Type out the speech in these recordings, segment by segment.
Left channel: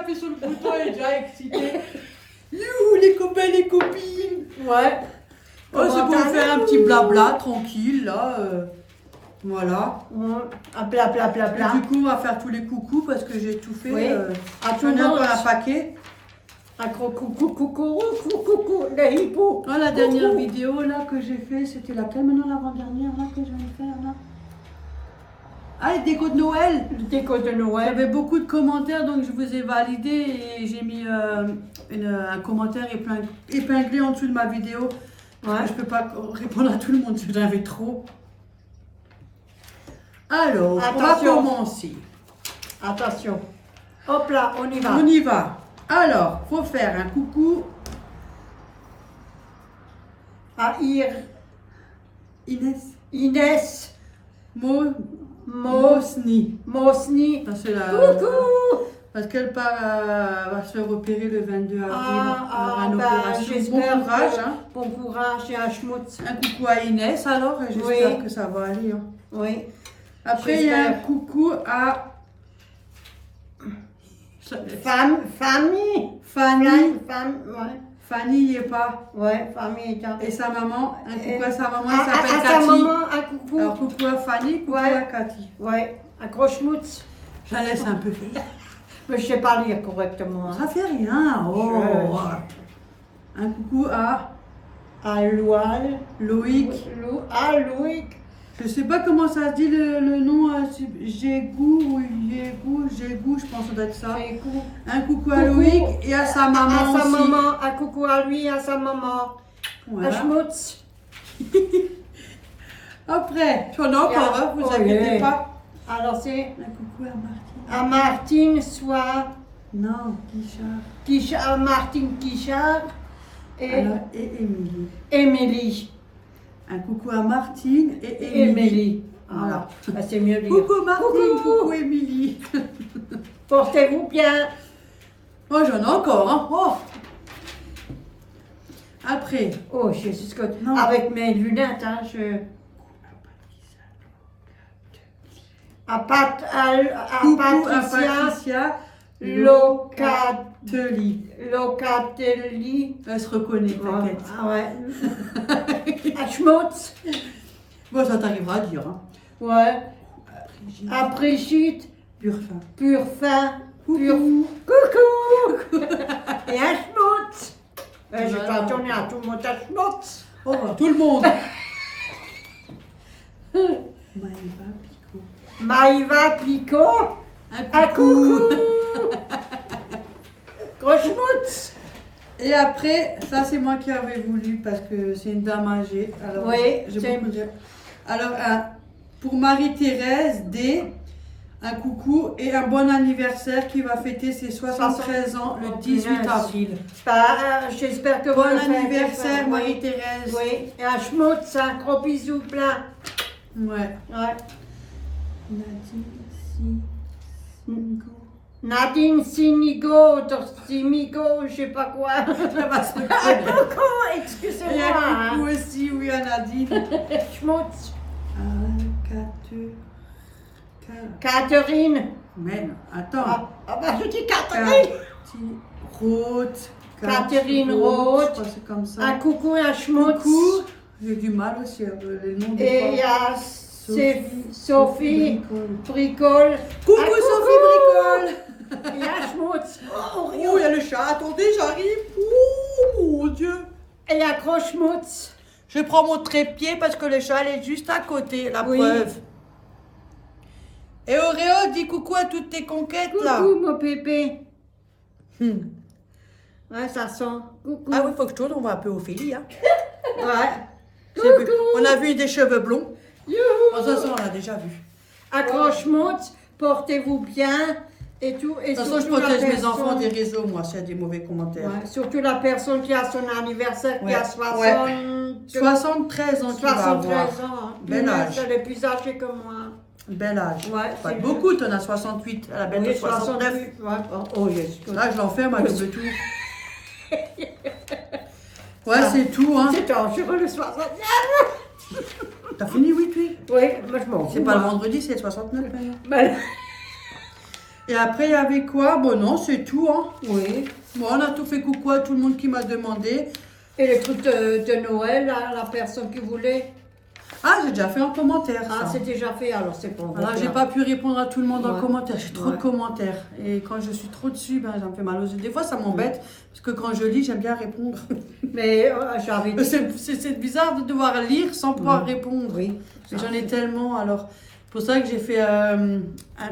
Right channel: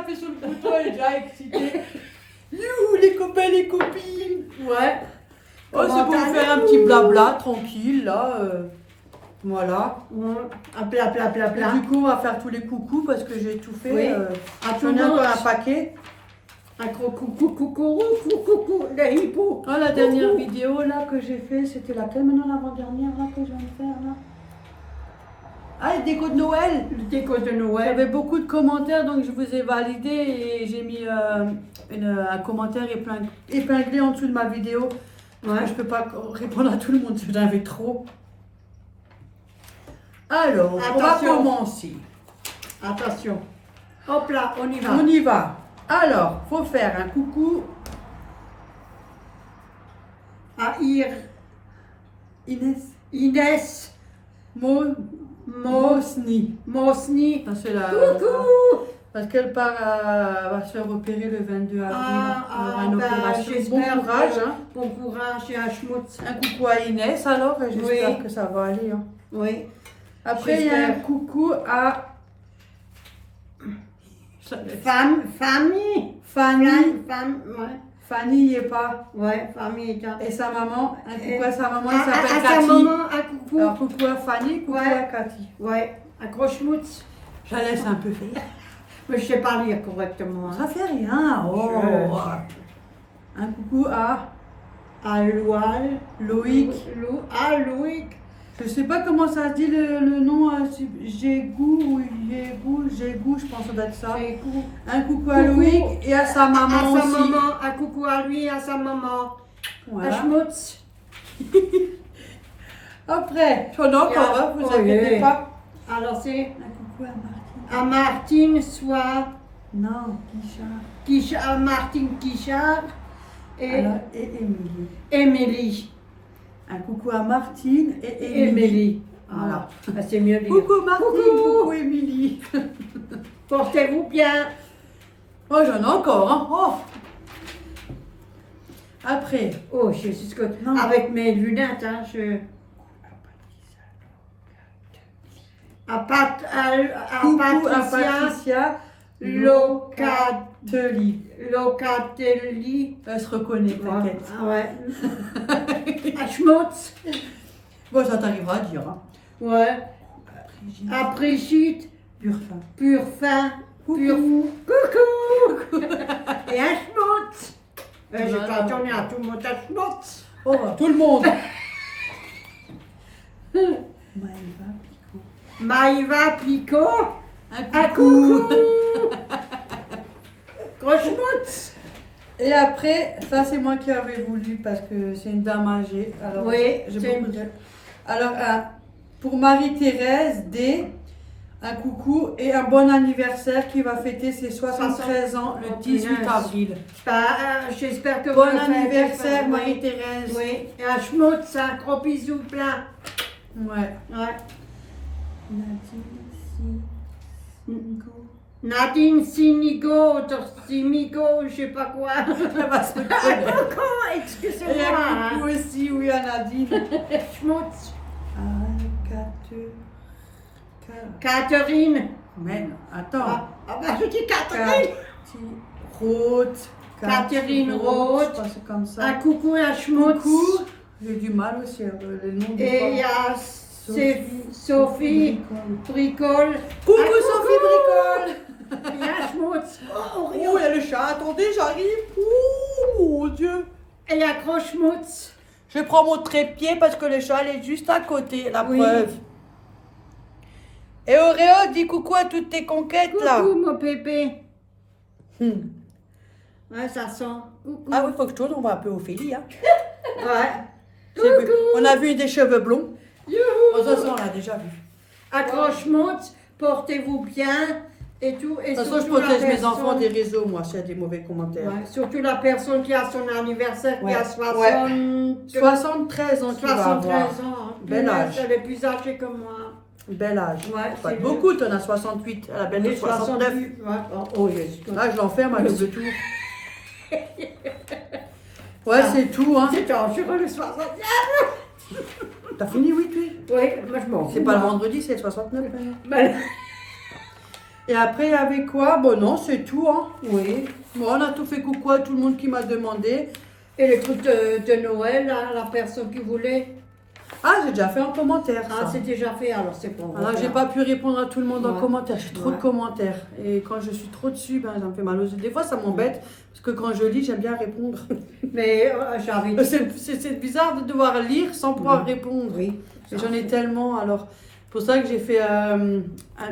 appuie sur le bouton, elle est déjà excitée. Youhou, les copains, les copines. Ouais. Oh, c'est pour vous faire un petit blabla, tranquille, là. Voilà. Plat, plat, plat, Et plat. du coup, on va faire tous les coucous parce que j'ai tout fait. Oui. J'en ai encore un paquet. Un gros coucou, coucou, coucou, les hippos. Oh, la dernière vidéo là que j'ai fait, c'était laquelle maintenant, l'avant-dernière là que je viens de faire là? Ah, les décos de Noël. Le déco de Il y Noël. avait beaucoup de commentaires, donc je vous ai validé et j'ai mis un commentaire épinglé en dessous de ma vidéo. Ouais. Je peux pas répondre à tout le monde, j'en avais trop. Alors, on va Attention. commencer. Attention. Hop là, on y va. On y va. Alors, faut faire un coucou À Inès Inès Mosni. Mosni. Ça, c'est la- Coucou. Parce qu'elle va se repérer le 22 avril. Elle aura une bah, opération. Bon j'espère courage. que- Hein. Bon courage et un schmutz. Un coucou à Inès alors, et j'espère Oui. que ça va aller. Hein. Oui. Après, il y a un J'espère. coucou à Famille. Fanny. Femme, ouais. Fanny n'y est pas. Ouais, famille. Et sa maman, un coucou à sa maman, À elle s'appelle sa Cathy. maman, un coucou. Alors, coucou à Fanny, coucou Ouais. à Cathy. Ouais, un gros schmutz. Je la laisse un peu faire. Mais je sais pas lire correctement. Hein. Ça fait rien. Oh. Un coucou à À Loual. Loïc. Loïc. Je sais pas comment ça se dit le nom. Jégou ou Jégou, je pense que ça doit être ça. C'est cool. Un coucou à Coucou. Loïc et à sa maman À sa aussi. maman, un coucou à lui, à sa maman. Voilà. Un schmutz. Après, j'en ai encore, hein, vous Oh, inquiétez yeah. pas. Alors c'est Un coucou à Martine. à Martine soit Non, Guichard. À Martine Guichard et Alors, et Émilie. Émilie. Un coucou à Martine et Émilie. Émilie. Voilà. Ah, c'est mieux dire. Coucou Martine, Coucou. coucou Émilie. Portez-vous bien. Oh, j'en ai encore, hein. Oh. Après, Oh, Jésus, que... Non. avec mes lunettes, hein, je... À coucou à Patricia Patricia Locatelli. Locatelli. Locatelli. Elle se reconnaît, t'inquiète. Ah ouais. À Schmutz. Bon, ça t'arrivera à dire, hein. Ouais. Brigitte. À Brigitte. Purfin. Purfin. Coucou. Coucou. Et à Schmutz. J'ai Voilà. pas tourné à tout le monde à Schmutz. Oh, bah, tout le monde. Maëva Picot. Maïva Picot. Un À coucou. coucou. Gros Schmutz. Et après, ça c'est moi qui avais voulu parce que c'est une dame âgée. Alors, Oui, j'ai c'est- beaucoup de... Alors, pour Marie-Thérèse D, un coucou et un bon anniversaire qui va fêter ses 73 ans le 18 avril. Bah, j'espère que Bon vous le faites. anniversaire Oui. Marie-Thérèse. Oui, et un schmutz, un gros bisou plein. Ouais. Ouais. Nadine Nadine Sinigo, Simigo, je sais pas quoi. Elle va se Ah, reconnaître. coucou, Et excusez-moi. un Hein. coucou aussi, oui, à Nadine. Schmutz. Catherine. Catherine. Mais non, attends. Bah, je dis Catherine. Roth. Catherine Je Roth. crois que c'est comme ça. Un coucou et un schmutz. Coucou. J'ai du mal aussi avec le nom des Et il y femmes. a Sophie Bricole. Coucou Ah, Sophie Bricole. Et un schmutz. Oh, il y a le chat. Attendez, j'arrive. Oh, mon Dieu. Et un gros schmutz. Je prends mon trépied parce que le chat elle est juste à côté, la Oui. preuve. Et Auréo, dis coucou à toutes tes conquêtes là. Coucou mon pépé. Hmm. Ouais, ça sent. Coucou. Ah oui, faut que je tourne, on va un peu Ophélie. Hein. Ouais. J'ai vu. On a vu des cheveux blonds. Youhou. Oh, ça, on l'a déjà vu. Accroche-moi, portez-vous bien et tout. Et De toute façon, je surtout la protège mes personne- enfants des réseaux, moi, s'il y a des mauvais commentaires. Ouais, surtout la personne qui a son anniversaire, qui Ouais. a 73 73 ans qu'il va avoir. ans. Hein. Bel Moi, âge. Elle est plus âgée que moi. Bel âge. Ouais, Pas c'est beaucoup, t'en as 68, elle a bientôt Oui, 69. 68. Ouais. Oh, yes. Là, je l'enferme à double tour. Ouais, c'est tout, hein. C'est sur le 69. T'as fini, oui, tu Oui, moi je m'en fous. C'est pas le moi. vendredi, c'est le 69 maintenant. Ben, Et après, il y avait quoi? Bon, non, c'est tout. Hein. Oui. Bon, on a tout fait coucou à tout le monde qui m'a demandé. Et le truc de Noël, là, la personne qui voulait. Ah, j'ai déjà fait un commentaire. Ah, Ça. c'est déjà fait, alors c'est bon. Alors, j'ai pas pu répondre à tout le monde en Ouais. commentaire. J'ai trop de Ouais. commentaires. Et quand je suis trop dessus, ben, ça me fait mal aux yeux. Des fois, ça m'embête. Parce que quand je lis, j'aime bien répondre. Mais j'avais dit. C'est bizarre de devoir lire sans pouvoir répondre. Oui. Mais j'en ai tellement. Alors, c'est pour ça que j'ai fait un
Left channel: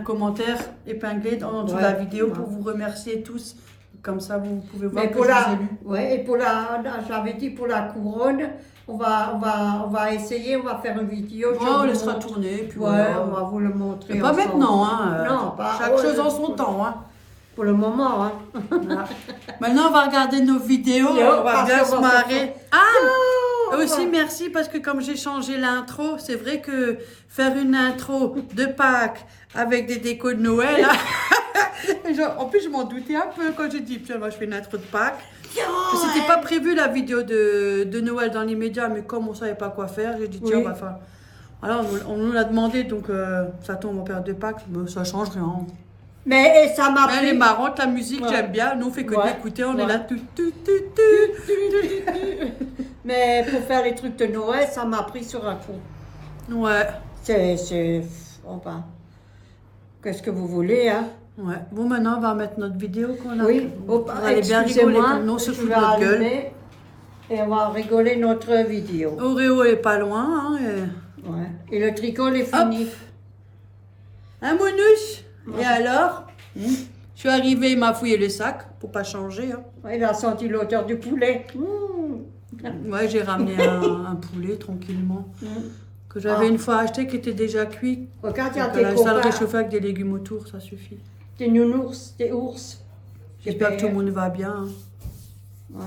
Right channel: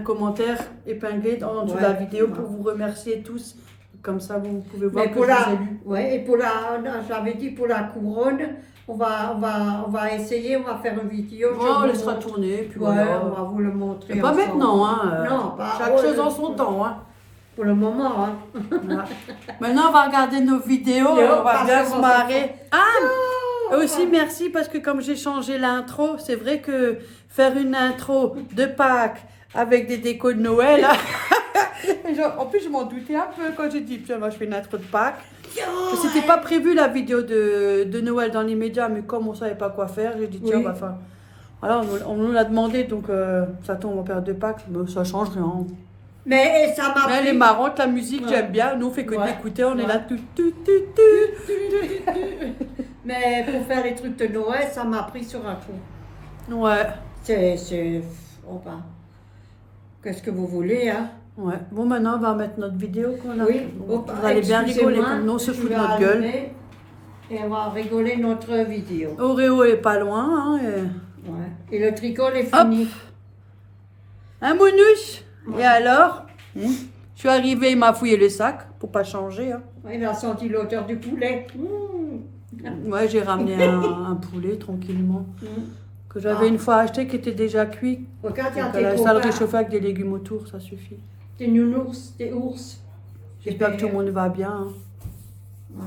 commentaire épinglé en dessous de la vidéo pour vous remercier tous. Comme ça, vous pouvez voir Mais que pour je la, vous ai lu. ouais, et pour la, j'avais dit pour la couronne, on va essayer, on va faire une vidéo. Ouais, on laissera tourner. Puis Ouais, voilà. on va vous le montrer. Mais pas ensemble. maintenant. Hein. Non, pas. Chaque chose en son temps. Hein. Pour le moment, hein. Voilà. Maintenant, on va regarder nos vidéos. On va bien se marrer. Ah, aussi merci parce que comme j'ai changé l'intro, c'est vrai que faire une intro de Pâques avec des décos de Noël, hein, en plus je m'en doutais un peu quand j'ai dit, tiens, moi je fais une intro de Pâques. C'était pas prévu la vidéo de Noël dans l'immédiat, mais comme on savait pas quoi faire, j'ai dit, tiens, on va faire. Voilà, on nous l'a demandé, donc ça tombe en période de Pâques, mais ça change rien. Mais ça m'a Elle est marrante, la musique, j'aime bien. Nous, on fait que d'écouter, on est là. Mais pour faire les trucs de Noël, ça m'a pris sur un coup. Ouais. Enfin, qu'est-ce que vous voulez, hein? Ouais. Bon, maintenant, on va mettre notre vidéo qu'on a. Oui. Vous allez bien rigoler comme nous, on se fout de notre gueule. Et on va rigoler notre vidéo. Oreo est pas loin. Hein, Ouais. Et le tricot est fini. Un mounouche. Et alors Je suis arrivée, il m'a fouillé le sac pour pas changer. Hein. Ouais, il a senti l'odeur du poulet. Mmh. Ouais, j'ai ramené un poulet tranquillement. Que j'avais une fois acheté qui était déjà cuit. Regarde, Donc, ça le réchauffer avec des légumes autour, ça suffit. Des nounours, des ours. J'espère que tout le monde va bien. Hein. Ouais,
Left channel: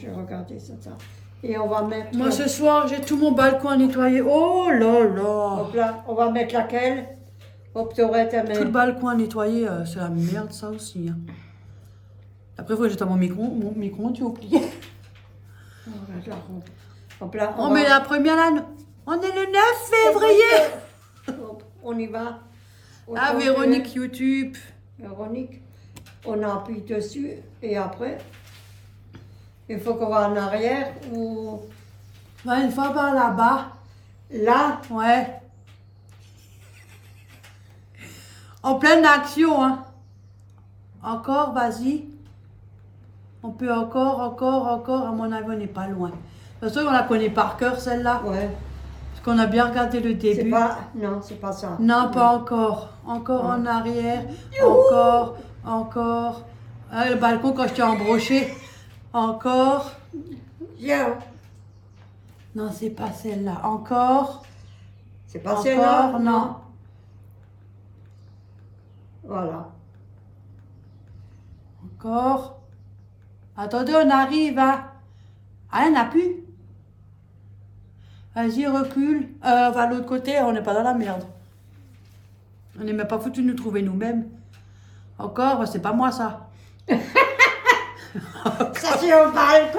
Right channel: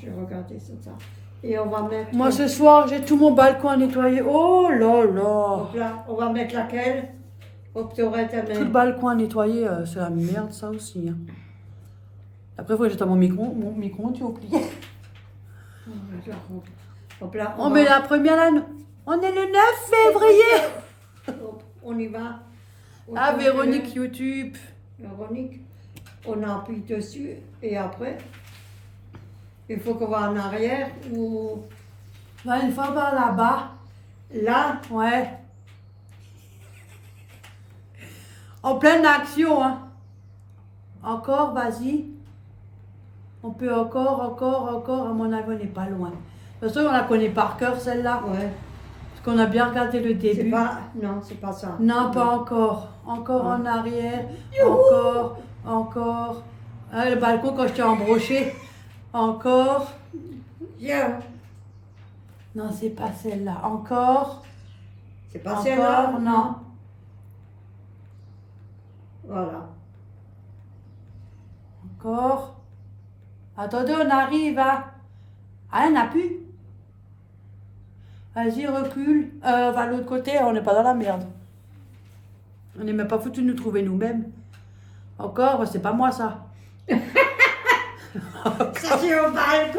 je vais regarder ça. Et on va mettre. Moi ce soir, j'ai tout mon balcon à nettoyer. Oh là là! Donc là, on va mettre laquelle? Hop, Tout le balcon à nettoyer, c'est la merde ça aussi. Hein. Après, il faut que j'éteins mon micro, tu as oublié. Hop là, on met la première là. On est le 9 février! On y va. Ah, Véronique YouTube. Véronique, on appuie dessus et après, il faut qu'on va en arrière ou. Bah, une fois par là-bas. Là? Ouais. En pleine action, hein. Encore, vas-y. On peut encore. À mon avis, on n'est pas loin. De toute façon, on la connaît par cœur, celle-là. Ouais. Parce qu'on a bien regardé le début. Non, c'est pas ça. Non, pas encore. Encore en arrière. Encore. Ah, le balcon quand je t'ai embroché. Encore. Viens. Non, c'est pas celle-là. Encore. C'est pas celle-là. Encore, non. Voilà. Encore. Attendez, on arrive à... Ah, on n'a plus. Vas-y, recule. Va de l'autre côté, on n'est pas dans la merde. On n'est même pas foutu de nous trouver nous-mêmes. Encore, c'est pas moi ça. Ça tient au balcon.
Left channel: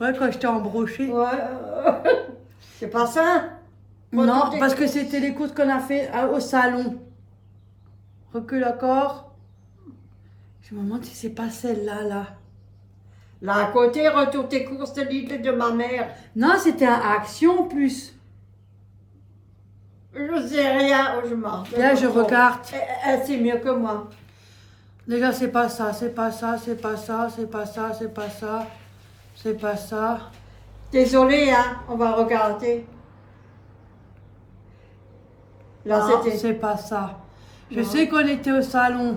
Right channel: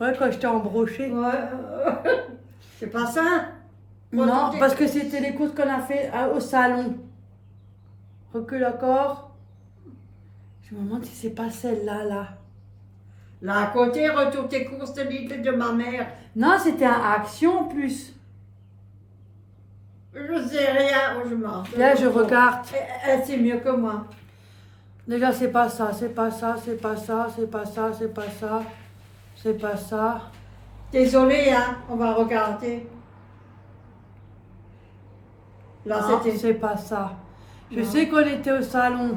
Ouais, quand je t'ai embroché. Ouais. C'est pas ça? Non, parce que c'était les courses qu'on a fait au salon. Recule encore. Je me demande si c'est pas celle-là, là. Là à côté, retourne tes courses de Lidl de ma mère. Non, c'était un Action plus. Je sais rien, je m'en. Là, je regarde. Elle sait mieux que moi. Déjà, c'est pas ça, c'est pas ça. Désolée, hein, on va regarder. Là, Non, c'était. c'est pas ça. Je Non. sais qu'on était au salon.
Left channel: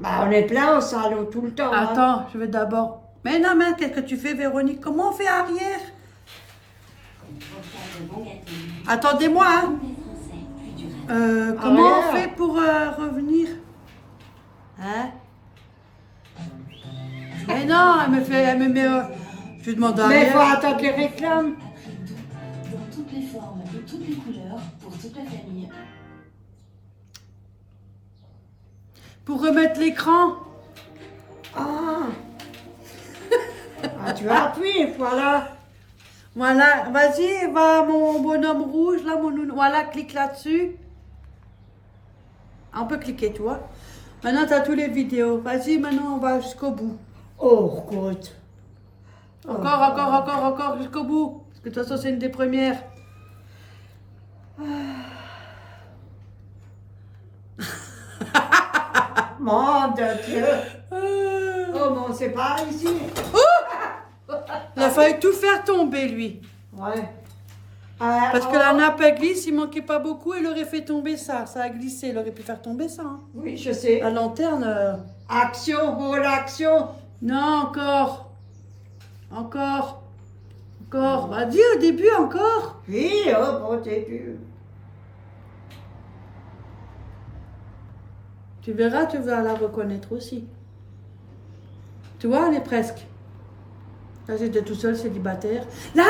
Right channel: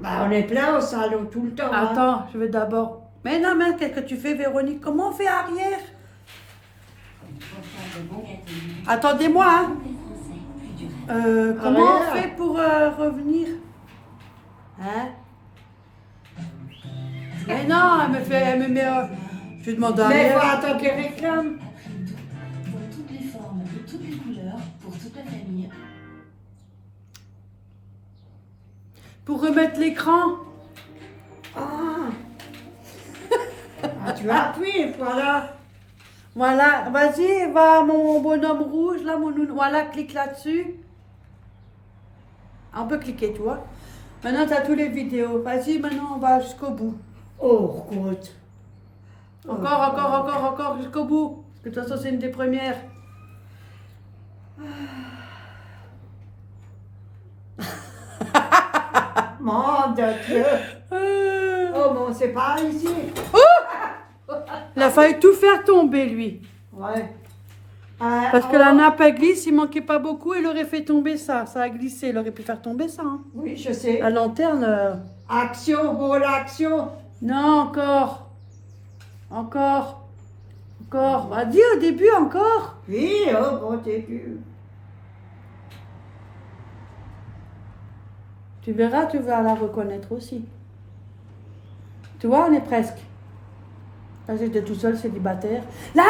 Bah, on est plein au salon tout le temps. Hein. Attends, je vais d'abord... Mais non, mais qu'est-ce que tu fais, Véronique? Comment on fait arrière? Attendez-moi, hein. Comment on fait pour revenir? Hein? Mais non, elle me met... je demande Mais il faut arrière. attendre les réclames. Dans toutes les formes, de toutes les couleurs, pour toute la famille. Pour remettre l'écran. Ah. Ah, tu as appris, voilà. Voilà, vas-y, va mon bonhomme rouge, là, mon nounou. Voilà, clique là-dessus. On peut cliquer, tu vois. Maintenant, tu as tous les vidéos. Vas-y, maintenant, on va jusqu'au bout. Oh, écoute. Encore, jusqu'au bout. Parce que de toute façon, c'est une des premières. Mon de Dieu. Oh, bon, c'est pas ici. Il a failli tout faire tomber, lui. Ouais. Parce que la nappe a glisse, il manquait pas beaucoup, il aurait fait tomber ça. Ça a glissé, il aurait pu faire tomber ça. Hein. Oui, je sais. La lanterne. Action, pour l'action. Non, encore. Encore. Bah, dis au début encore. Oui, oh, bon début. Tu verras, tu vas la reconnaître aussi. Tu vois, on est presque. Là, j'étais tout seul, célibataire. Là,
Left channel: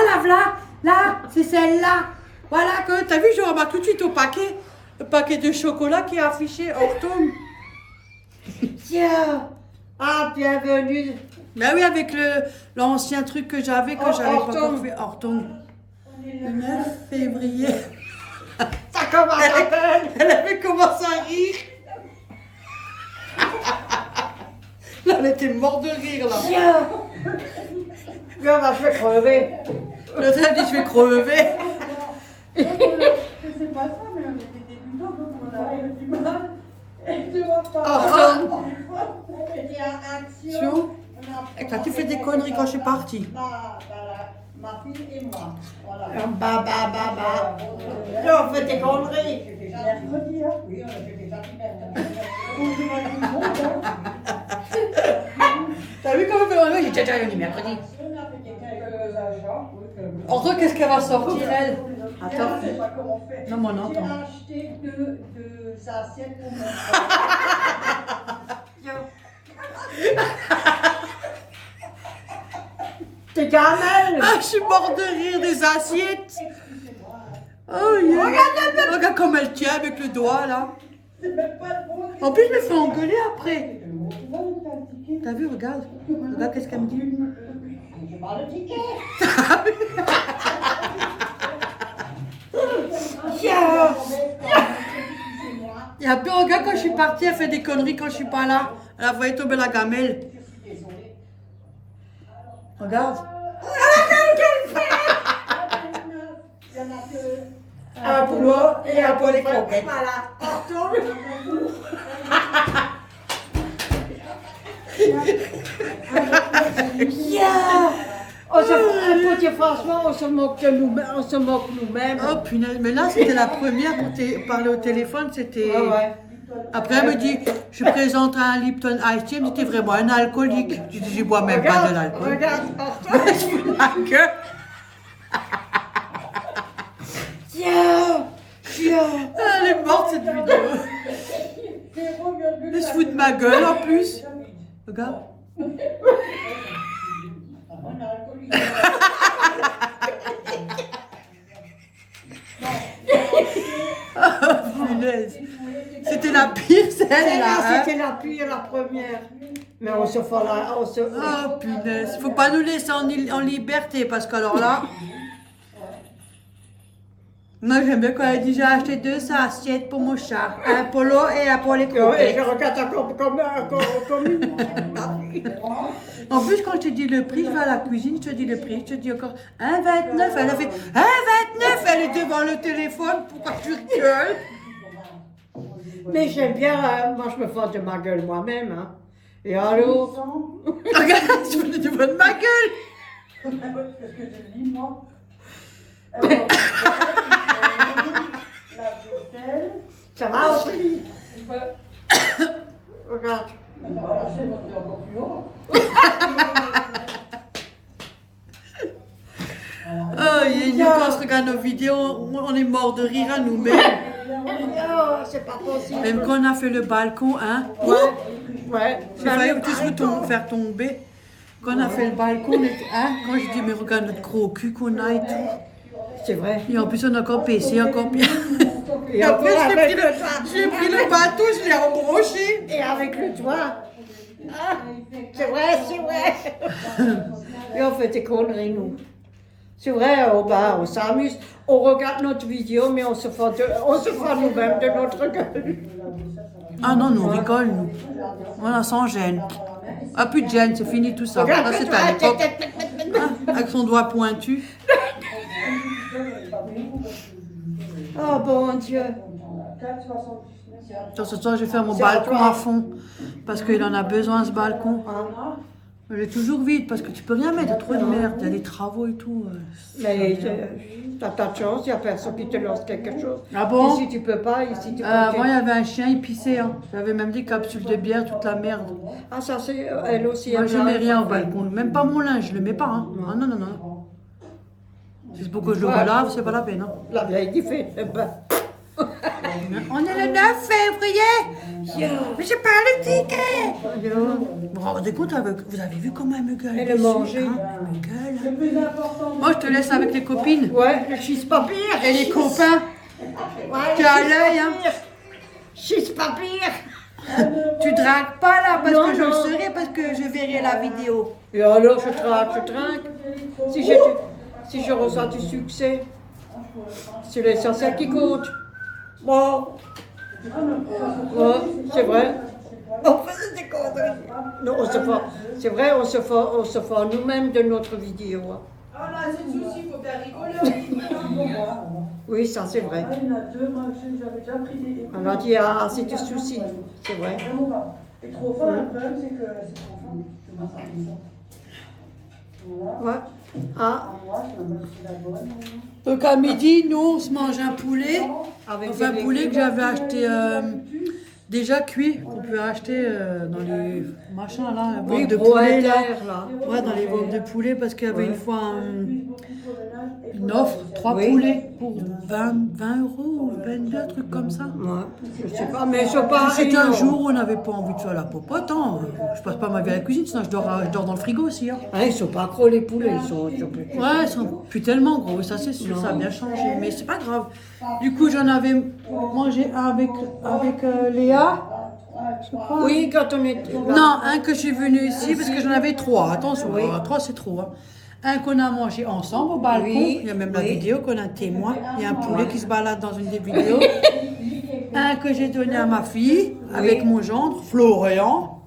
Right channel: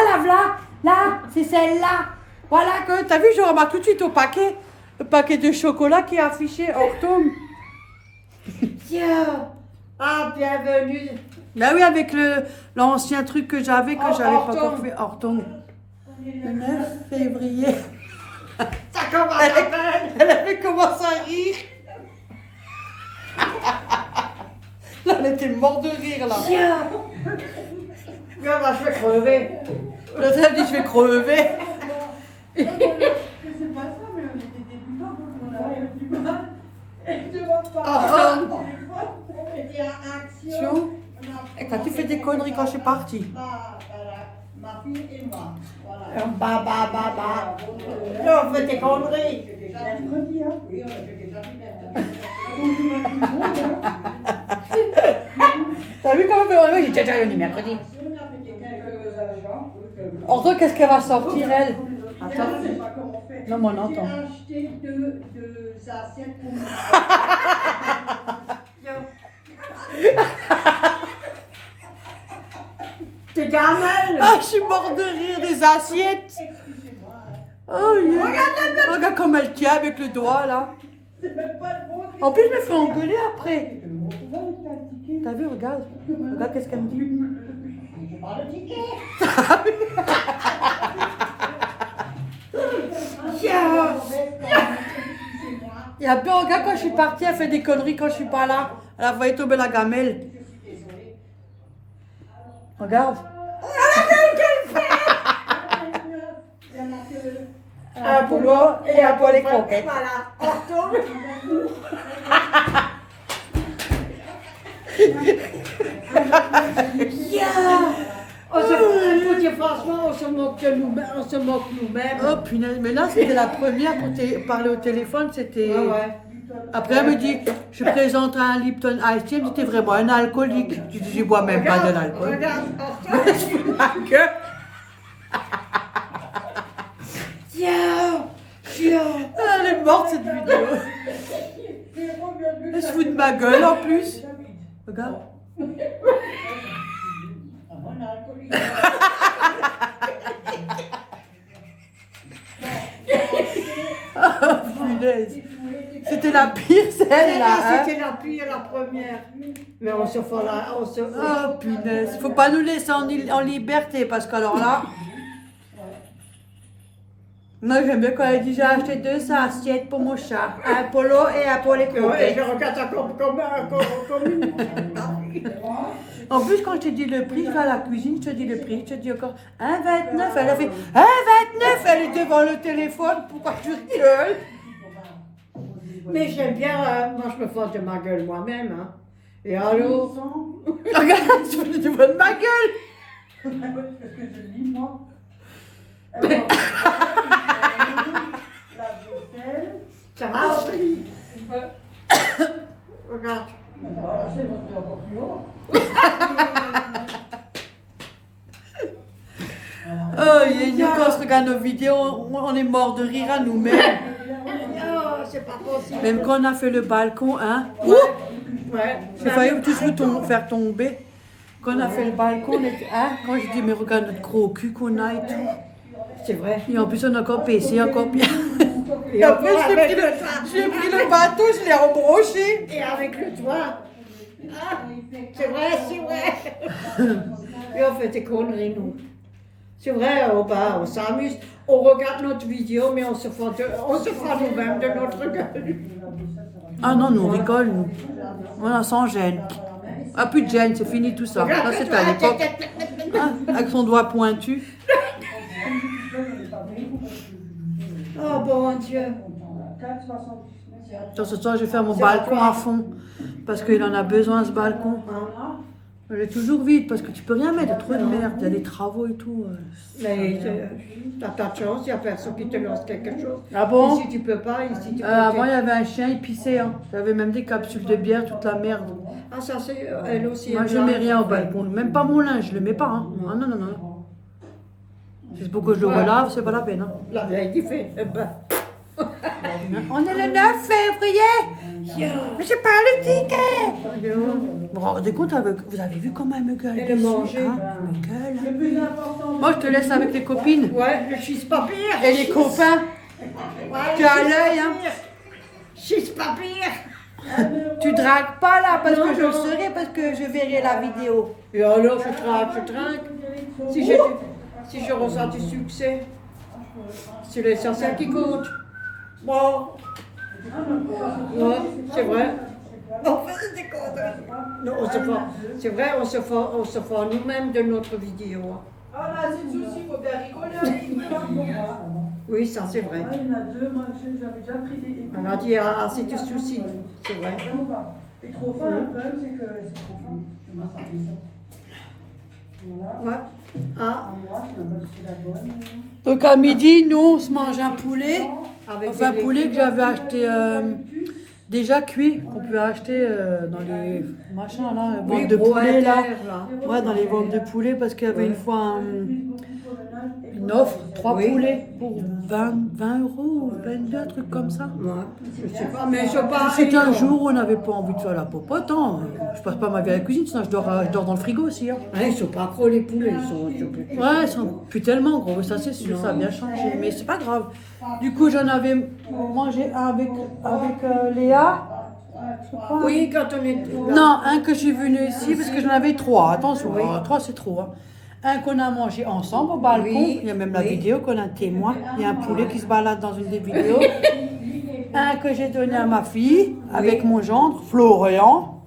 là, c'est celle-là. Voilà que, t'as vu, je remarque tout de suite au paquet. Le paquet de chocolat qui est affiché hors tombe. Tiens. Ah, bienvenue. Bah oui, avec l'ancien truc que j'avais, que j'avais pas encore fait hors tombe. Le 9 février. Ça commence à peine. Elle avait commencé à rire. Là, elle était morte de rire, là. Tiens. Là, bah, je vais crever. Là, elle dit, je vais crever. C'est pas ça, mais on était débutants, donc on avait du mal. Et tu vois pas. On était à action. Et quand tu fais des conneries quand je suis partie. Ma fille et moi. Voilà. Bah. Là, on fait des conneries. C'était mercredi, hein? Oui, on était déjà T'as vu comment on fait? J'étais déjà venu mercredi. Ordre, qu'est-ce qu'elle va sortir, elle? Attends. Non, mais on entend. J'ai acheté deux assiettes pour mon T'es gamelle. Ah, je suis morte de rire des assiettes. Oh, yeah. Regarde comme elle tient avec le doigt, là. En plus, je me fais engueuler après. T'as vu, regarde. Regarde qu'est-ce qu'elle me dit. Tiens. Et après, regarde, quand je suis partie, elle fait des conneries quand je suis pas là. Elle a voulu tomber la gamelle. Regarde. Un pour moi et un pour les croquettes. Voilà. On retourne. Yeah. Franchement, on se moque de nous-mêmes. On se moque nous-mêmes. Oh punaise, mais là c'était la première pour parler au téléphone, c'était... Ah ouais. Après elle me dit, je présente un Lipton Ice Tea, elle me dit, t'es vraiment un alcoolique. Je dis, je bois même pas de l'alcool. Regarde, Je fous de ma gueule. tiens. Elle est morte cette vidéo. Elle se fout de ma gueule en plus. Regarde. Oh punaise. C'était la pire celle-là. Hein? C'était la pire, la première. Mais on se fait là. Oh punaise. Faut pas nous laisser en liberté parce qu'alors là. Moi j'aime bien quand elle dit j'ai acheté 2 assiettes pour mon chat. Un polo et un pour les Et croquettes. je regarde ça comme En plus, quand je te dis le prix, je vais à la cuisine, je te dis le prix, je te dis encore 1,29. Elle a fait 1,29. Elle est devant le téléphone. Pourquoi tu rigoles? Mais j'aime bien, moi je me fous de ma gueule moi-même. Hein. Et alors? Regarde, je me devant de ma gueule. Parce que je lis, moi. Ça va aussi? Regarde. Oh, quand on se regarde nos vidéos, on est mort de rire à nous-mêmes. Oh, c'est pas possible. Même quand on a fait le balcon, hein. Ouais. J'ai failli un petit peu faire tomber. Quand on a fait le balcon, on était, hein, quand j'ai dit, mais regarde notre gros cul qu'on a et tout. C'est vrai. Et en plus, on a encore PC, encore bien. Et après, j'ai pris le bateau, je l'ai embroché. Et avec le toit. Ah, c'est vrai. Et on fait des conneries, nous. C'est vrai, on s'amuse. On regarde notre vidéo, mais on se fout nous-mêmes de notre gueule. Ah non, nous on rigole, nous. Voilà, sans gêne. Ah, plus de gêne, c'est fini tout ça. Ça, c'était à l'époque. Ah, avec son doigt pointu. Oh bon Dieu. Ce soir, je vais faire mon balcon à fond. Parce qu'il en a besoin, ce balcon. Il est toujours vide parce que tu peux rien mettre, trop de merde. Il y a des travaux et tout. Mais t'as pas de chance, il n'y a personne qui te lance quelque chose. Ah bon? Ici tu peux pas, ici tu peux Avant, il y avait un chien, il pissait. Hein. Il y avait même des capsules de bière, toute la merde. Ah ça c'est elle aussi. Moi, je mets rien au balcon. Même pas mon linge, je le mets pas. Hein. Ah non, non, non. C'est pour que je le relave, c'est pas la peine. Hein. Là, il fait. On est le 9 février. Mais j'ai pas le ticket. Vous vous rendez compte, vous avez vu comment elle me gueule? Elle est mangée. Hein, elle me gueule. Moi, je te laisse avec les copines. Ouais, le cheese-papier. Et les copains. Ouais, Tu as l'œil, hein. Cheese-papier. Tu dragues pas là, parce Non, que je le non. saurai, parce que je verrai la vidéo. Et alors je trinque. Si je ressens du succès, c'est l'essentiel qui compte. Bon. Ouais, c'est vrai. Non, c'est vrai, on se fait nous-mêmes de notre vidéo. Hein. Ah là, c'est le souci, il faut bien rigoler. Oui, ça c'est vrai. Il y en a deux, moi j'avais déjà pris des. On a dit, ah, c'est du souci. C'est vrai. Et trop fort, le problème c'est que c'est trop fort. Ouais. Ah, Donc à midi, nous, on se mange un poulet. avec Enfin, un des poulet que j'avais acheté déjà cuit, qu'on peut acheter dans les machins là, les ventes de poulet là. Ouais, dans les ventes de poulet, parce qu'il y avait une fois une offre, 3 Oui. poulets pour 20 euros ou 22, un truc comme ça. Ouais, je sais pas, mais je parle. C'était un jour où on n'avait pas envie de faire la popote. Hein. Je passe pas ma vie à la cuisine, sinon je dors dans le frigo aussi. Hein. Ouais, ils sont pas gros les poulets, ils sont. Ouais, ils sont plus tellement gros, ça c'est sûr, ça a bien changé, mais c'est pas grave. Du coup, j'en avais mangé un avec Léa, je crois. Oui, quand on est. Non, un que je suis venue ici parce que j'en avais 3. Attention, 3 c'est trop. Hein. Un qu'on a mangé ensemble au balcon. Oui, Il y a même la oui. vidéo qu'on a un témoin. Il y a un poulet qui se balade dans une des vidéos. Un que j'ai donné à ma fille avec mon gendre, Florian.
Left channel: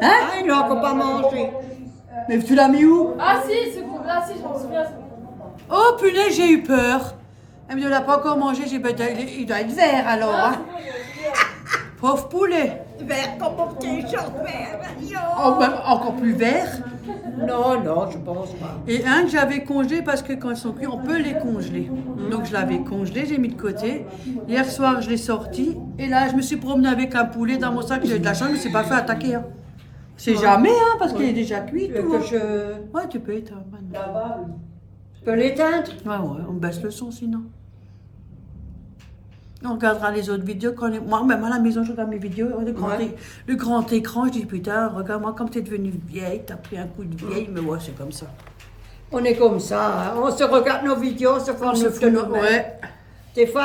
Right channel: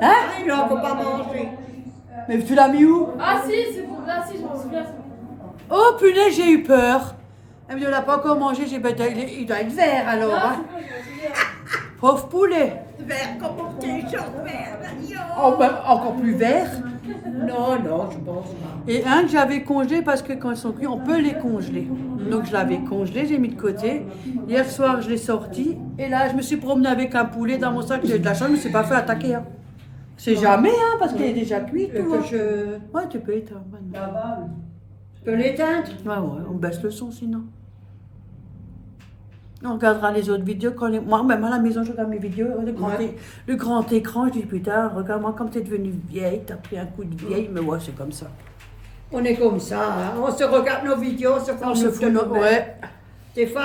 Hein? Ah, il n'a encore pas mangé. Mais tu l'as mis où? Ah si, c'est pour là, si, je m'en souviens. Oh punaise, j'ai eu peur. Elle me dit, on l'a pas encore mangé. J'ai dit, il doit être vert alors. Hein. Pauvre poulet. Vert comme mon petit chat vert. Oh, ben, encore plus vert. Non, non, je pense pas. Et un que j'avais congelé parce que quand ils sont cuits, on peut les congeler. Donc je l'avais congelé, j'ai mis de côté. Hier soir, je l'ai sorti. Et là, je me suis promenée avec un poulet dans mon sac. J'ai eu de la chance, je ne me suis pas fait attaquer. Hein. C'est jamais, hein, parce qu'il est déjà cuit et tout. Hein. Ouais, tu peux éteindre maintenant. Je peux l'éteindre? Ouais, on baisse le son sinon. On regardera les autres vidéos. Moi, même à la maison, je regarde mes vidéos. Le grand écran, je dis putain, regarde-moi comme t'es devenue vieille, t'as pris un coup de vieille, mais ouais, c'est comme ça. On est comme ça, hein. On se regarde nos vidéos, on se fait On se fout ouais. Des fois,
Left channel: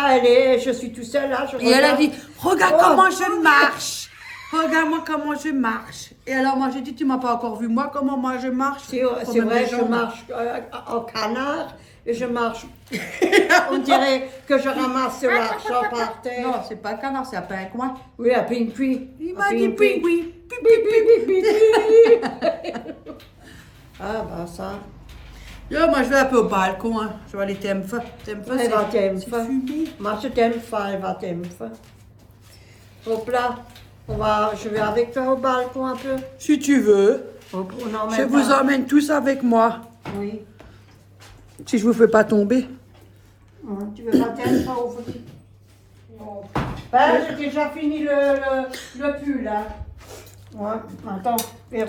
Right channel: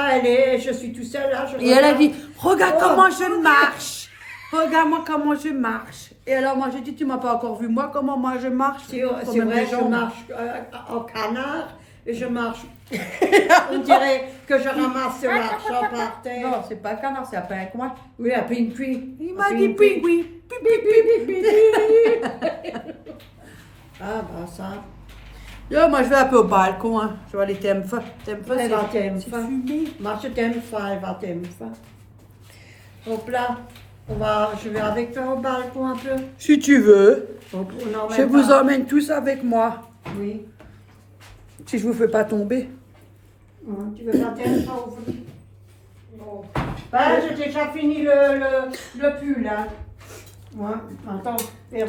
je suis tout seul là. Et elle a dit, regarde comment je marche. Regarde-moi comment je marche. Et alors, moi, j'ai dit, tu m'as pas encore vu, moi, comment moi je marche. C'est vrai, je marche en canard et je marche. On dirait que je ramasse l'argent par terre. Non, c'est pas un canard, c'est un pingouin. Oui, un pingouin. Il m'a dit pingouin. Ah, bah ça. Yo, moi, je vais un peu au balcon. Hein. Je vais aller TMF. TMF, Elle va t'aimer. c'est fumé. Moi, je t'aime pas, elle va t'aimer. Hop là, je vais avec toi au balcon un peu. Si tu veux, Hop, je vous emmène tous avec moi. Oui. Si je vous fais pas tomber. Tu veux la tête pas ouvrir? Non. Ben, j'ai déjà fini le pull, là. Ouais, attends.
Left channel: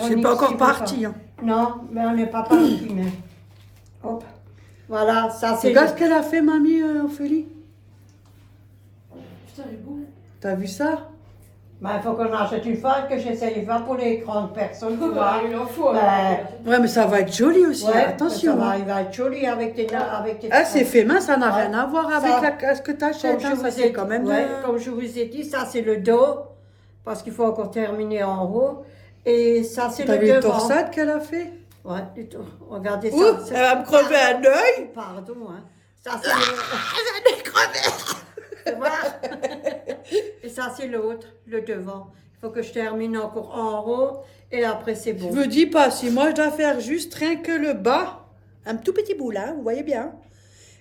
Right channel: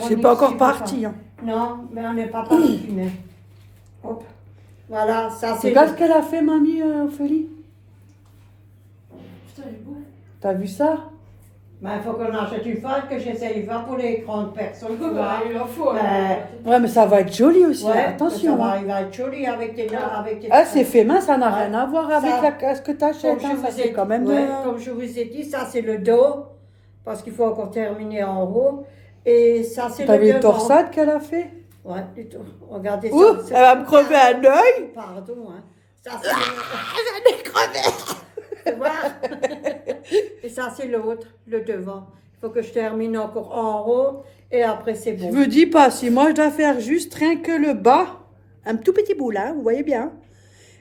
C'est pas encore parti. Hein. Non, mais on n'est pas parti, mais... Hop. Voilà, ça c'est... Regarde ce qu'elle a fait, mamie Ophélie. Putain, du coup. T'as vu ça? Ben, il faut qu'on achète une fois que j'essaye pas pour les grandes personnes. Il en faut. Ouais, mais ça va être joli aussi. Ouais, Attention. ça Hein. va être joli avec tes... Ah, c'est fait main, ça n'a Ouais. rien à voir avec ce que tu achètes. Hein, ça, c'est quand même. Ouais, comme je vous ai dit, ça c'est le dos, parce qu'il faut encore terminer en haut. Et ça c'est T'as le vu le devant. torsade qu'elle a fait? Ouais, du tout. Regardez ça. Ouh, c'est- elle va me crever un œil. Pardon, hein. Ça c'est... J'en ai crevé. Tu vois? Et ça, c'est l'autre, le devant. Il faut que je termine encore en haut et après, c'est bon. Je me dis pas, si moi je dois faire juste rien que le bas, un tout petit bout là, vous voyez bien,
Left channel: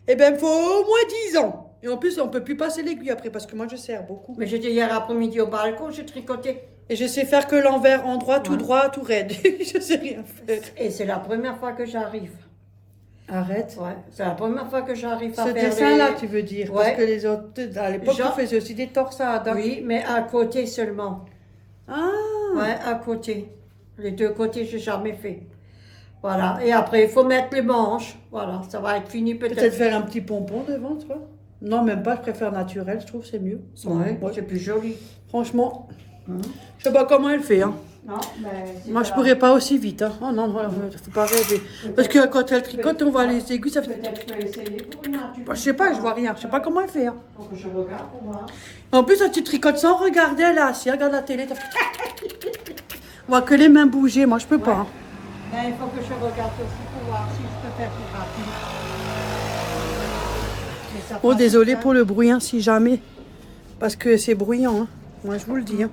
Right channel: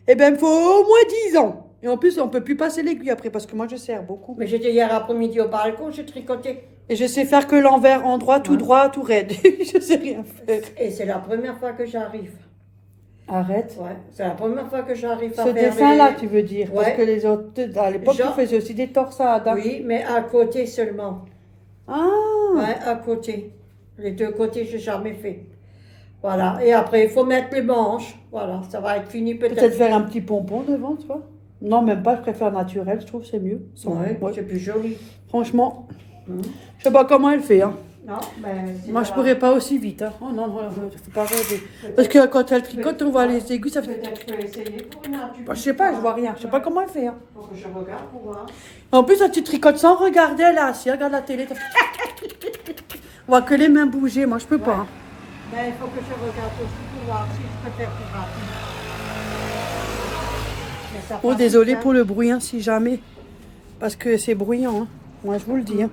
eh bien, il me faut au moins 10 ans. Et en plus, on peut plus passer l'aiguille après parce que moi, je serre beaucoup. Mais j'étais hier après-midi au balcon, j'ai tricoté. Et je sais faire que l'envers, endroit, tout droit, tout raide. Je sais rien faire. Et c'est la première fois que j'arrive. Arrête. Ouais, c'est la première fois que j'arrive à Ce faire dessin-là, tu veux dire. Parce Ouais. que les autres, à l'époque, Genre- tu faisais aussi des torsades. Hein. Oui, mais à côté seulement. Ah. Ouais, à côté. Les deux côtés, j'ai jamais fait. Voilà. Et après, il faut mettre les manches. Voilà, ça va être fini Peut-être peut-être. faire un petit pompon devant, tu vois. Non, même pas, je préfère naturel, je trouve que c'est mieux. Ouais, Ouais. c'est plus joli. Franchement, Hum. je sais pas comment elle fait. Hein. Non, mais c'est Moi, je pas- pourrais pas aussi vite. Hein. Oh non, faut pas rêver. Parce que quand elle tricote, on voit les aiguilles, ça fait... Peut-être que je peux essayer pour moi. Bah, je sais pas, je vois rien. Je sais pas comment elle fait. Hein. Faut que je regarde pour moi. En plus, quand tu tricotes sans regarder, là, si regarde la télé, ça fait... On voit que les mains bouger, moi je peux pas. Hein. Ben, il faut que je regarde aussi pour voir si je peux faire plus rapide. Mais ça Oh, fait désolé ça. pour le bruit, hein, si jamais. Parce que c'est bruyant, hein. Moi je vous le dis. Hein.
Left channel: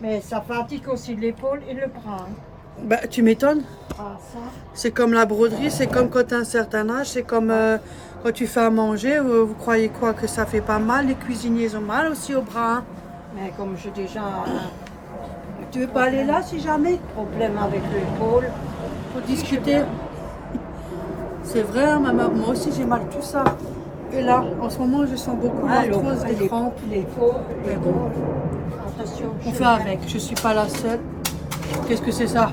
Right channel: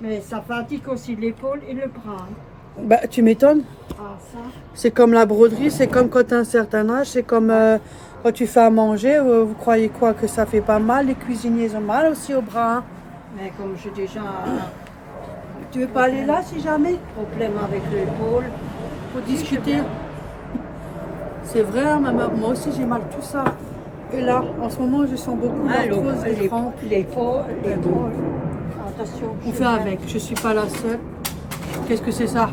Mais ça fatigue aussi l'épaule et le bras. Hein. Bah, tu m'étonnes. Ah, ça. C'est comme la broderie, c'est comme quand tu as un certain âge, c'est comme quand tu fais à manger. Vous croyez quoi, que ça fait pas mal? Les cuisiniers ont mal aussi au bras. Hein. Mais comme j'ai déjà Tu veux pas aller là si jamais? un problème avec l'épaule, Pour discuter. C'est vrai, hein, moi aussi j'ai mal tout ça. Et là, en ce moment, je sens beaucoup l'arthrose des crampes. l'épaule, Mais bon, attention. on fait avec, je suis pas la seule. Qu'est-ce que c'est ça?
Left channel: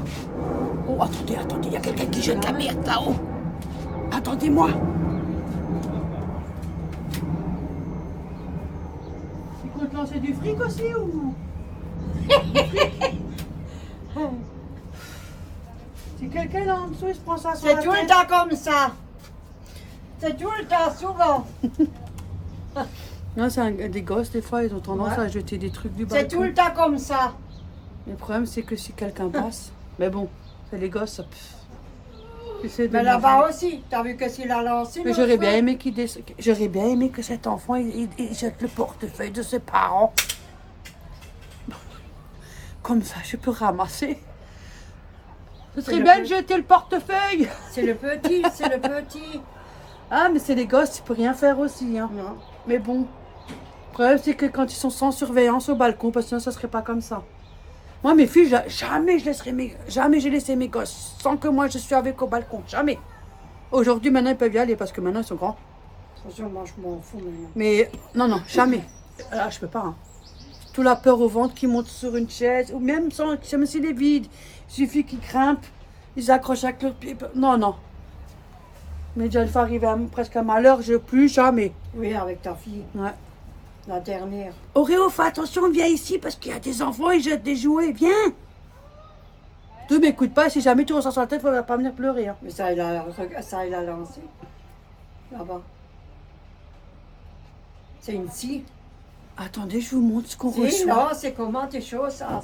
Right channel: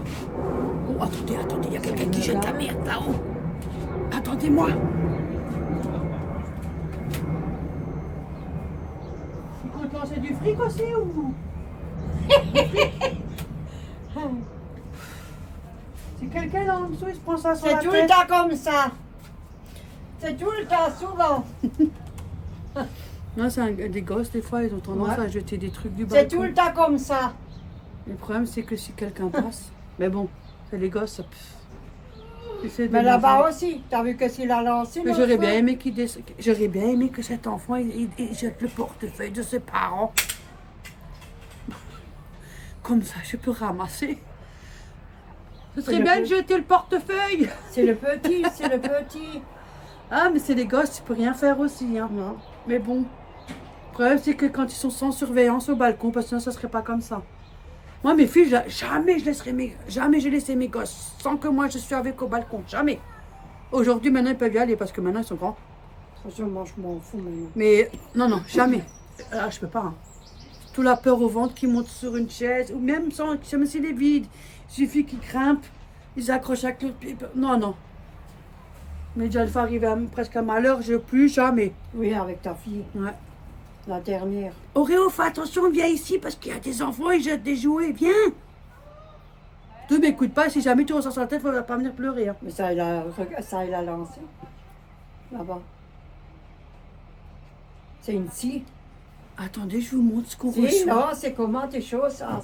Oh, attendez, il y a quelqu'un qui jette la merde là-haut. Attendez-moi. Il compte lancer du fric aussi ou? Si quelqu'un là en dessous, il se prend ça sur la C'est tout le tête. temps comme ça. C'est tout le temps, souvent. Non, c'est des gosses, des fois, ils ont tendance Ouais. à jeter des trucs du C'est balcon. tout le temps comme ça. Le problème, c'est que si quelqu'un passe, mais bon, c'est les gosses, ça... J'essaie de Mais les là-bas voir. aussi, t'as vu que s'il a lancé. Mais l'autre j'aurais fois? bien aimé j'aurais bien aimé que cet enfant il jette le portefeuille de ses parents. Comme ça, je peux ramasser. Ce serait le bien peu- de jeter le portefeuille. C'est le petit, c'est le petit. Ah, mais c'est les gosses, tu peux rien faire aussi. Hein. Non. Mais bon, le problème, c'est que quand ils sont sans surveillance au balcon, parce que sinon, ça serait pas comme ça. Moi, mes filles, jamais j'ai laissé mes gosses sans que moi, je suis avec au balcon. Jamais. Aujourd'hui, maintenant, ils peuvent y aller parce que maintenant, ils sont grands. Franchement, je m'en fous maintenant. Mais non, jamais. Ah, je peux pas. Hein. Tout la peur au ventre qui monte sur une chaise, ou même s'il est vide, il suffit qu'ils grimpent, ils accrochent avec leurs pieds. Non. Mais déjà, il faut arriver presque à malheur, je plus jamais. Oui, avec ta fille, Ouais. la dernière. Auréo, fais attention, viens ici parce qu'il y a des enfants, ils jettent des jouets, viens. Tu m'écoutes pas, si jamais tu ressens sur la tête, il ne faudra pas venir pleurer. Hein. Mais ça, il a lancé. Là-bas. C'est une scie. Attendez, je vous montre ce qu'on Si, reçoit. non, c'est comment tes choses, ça.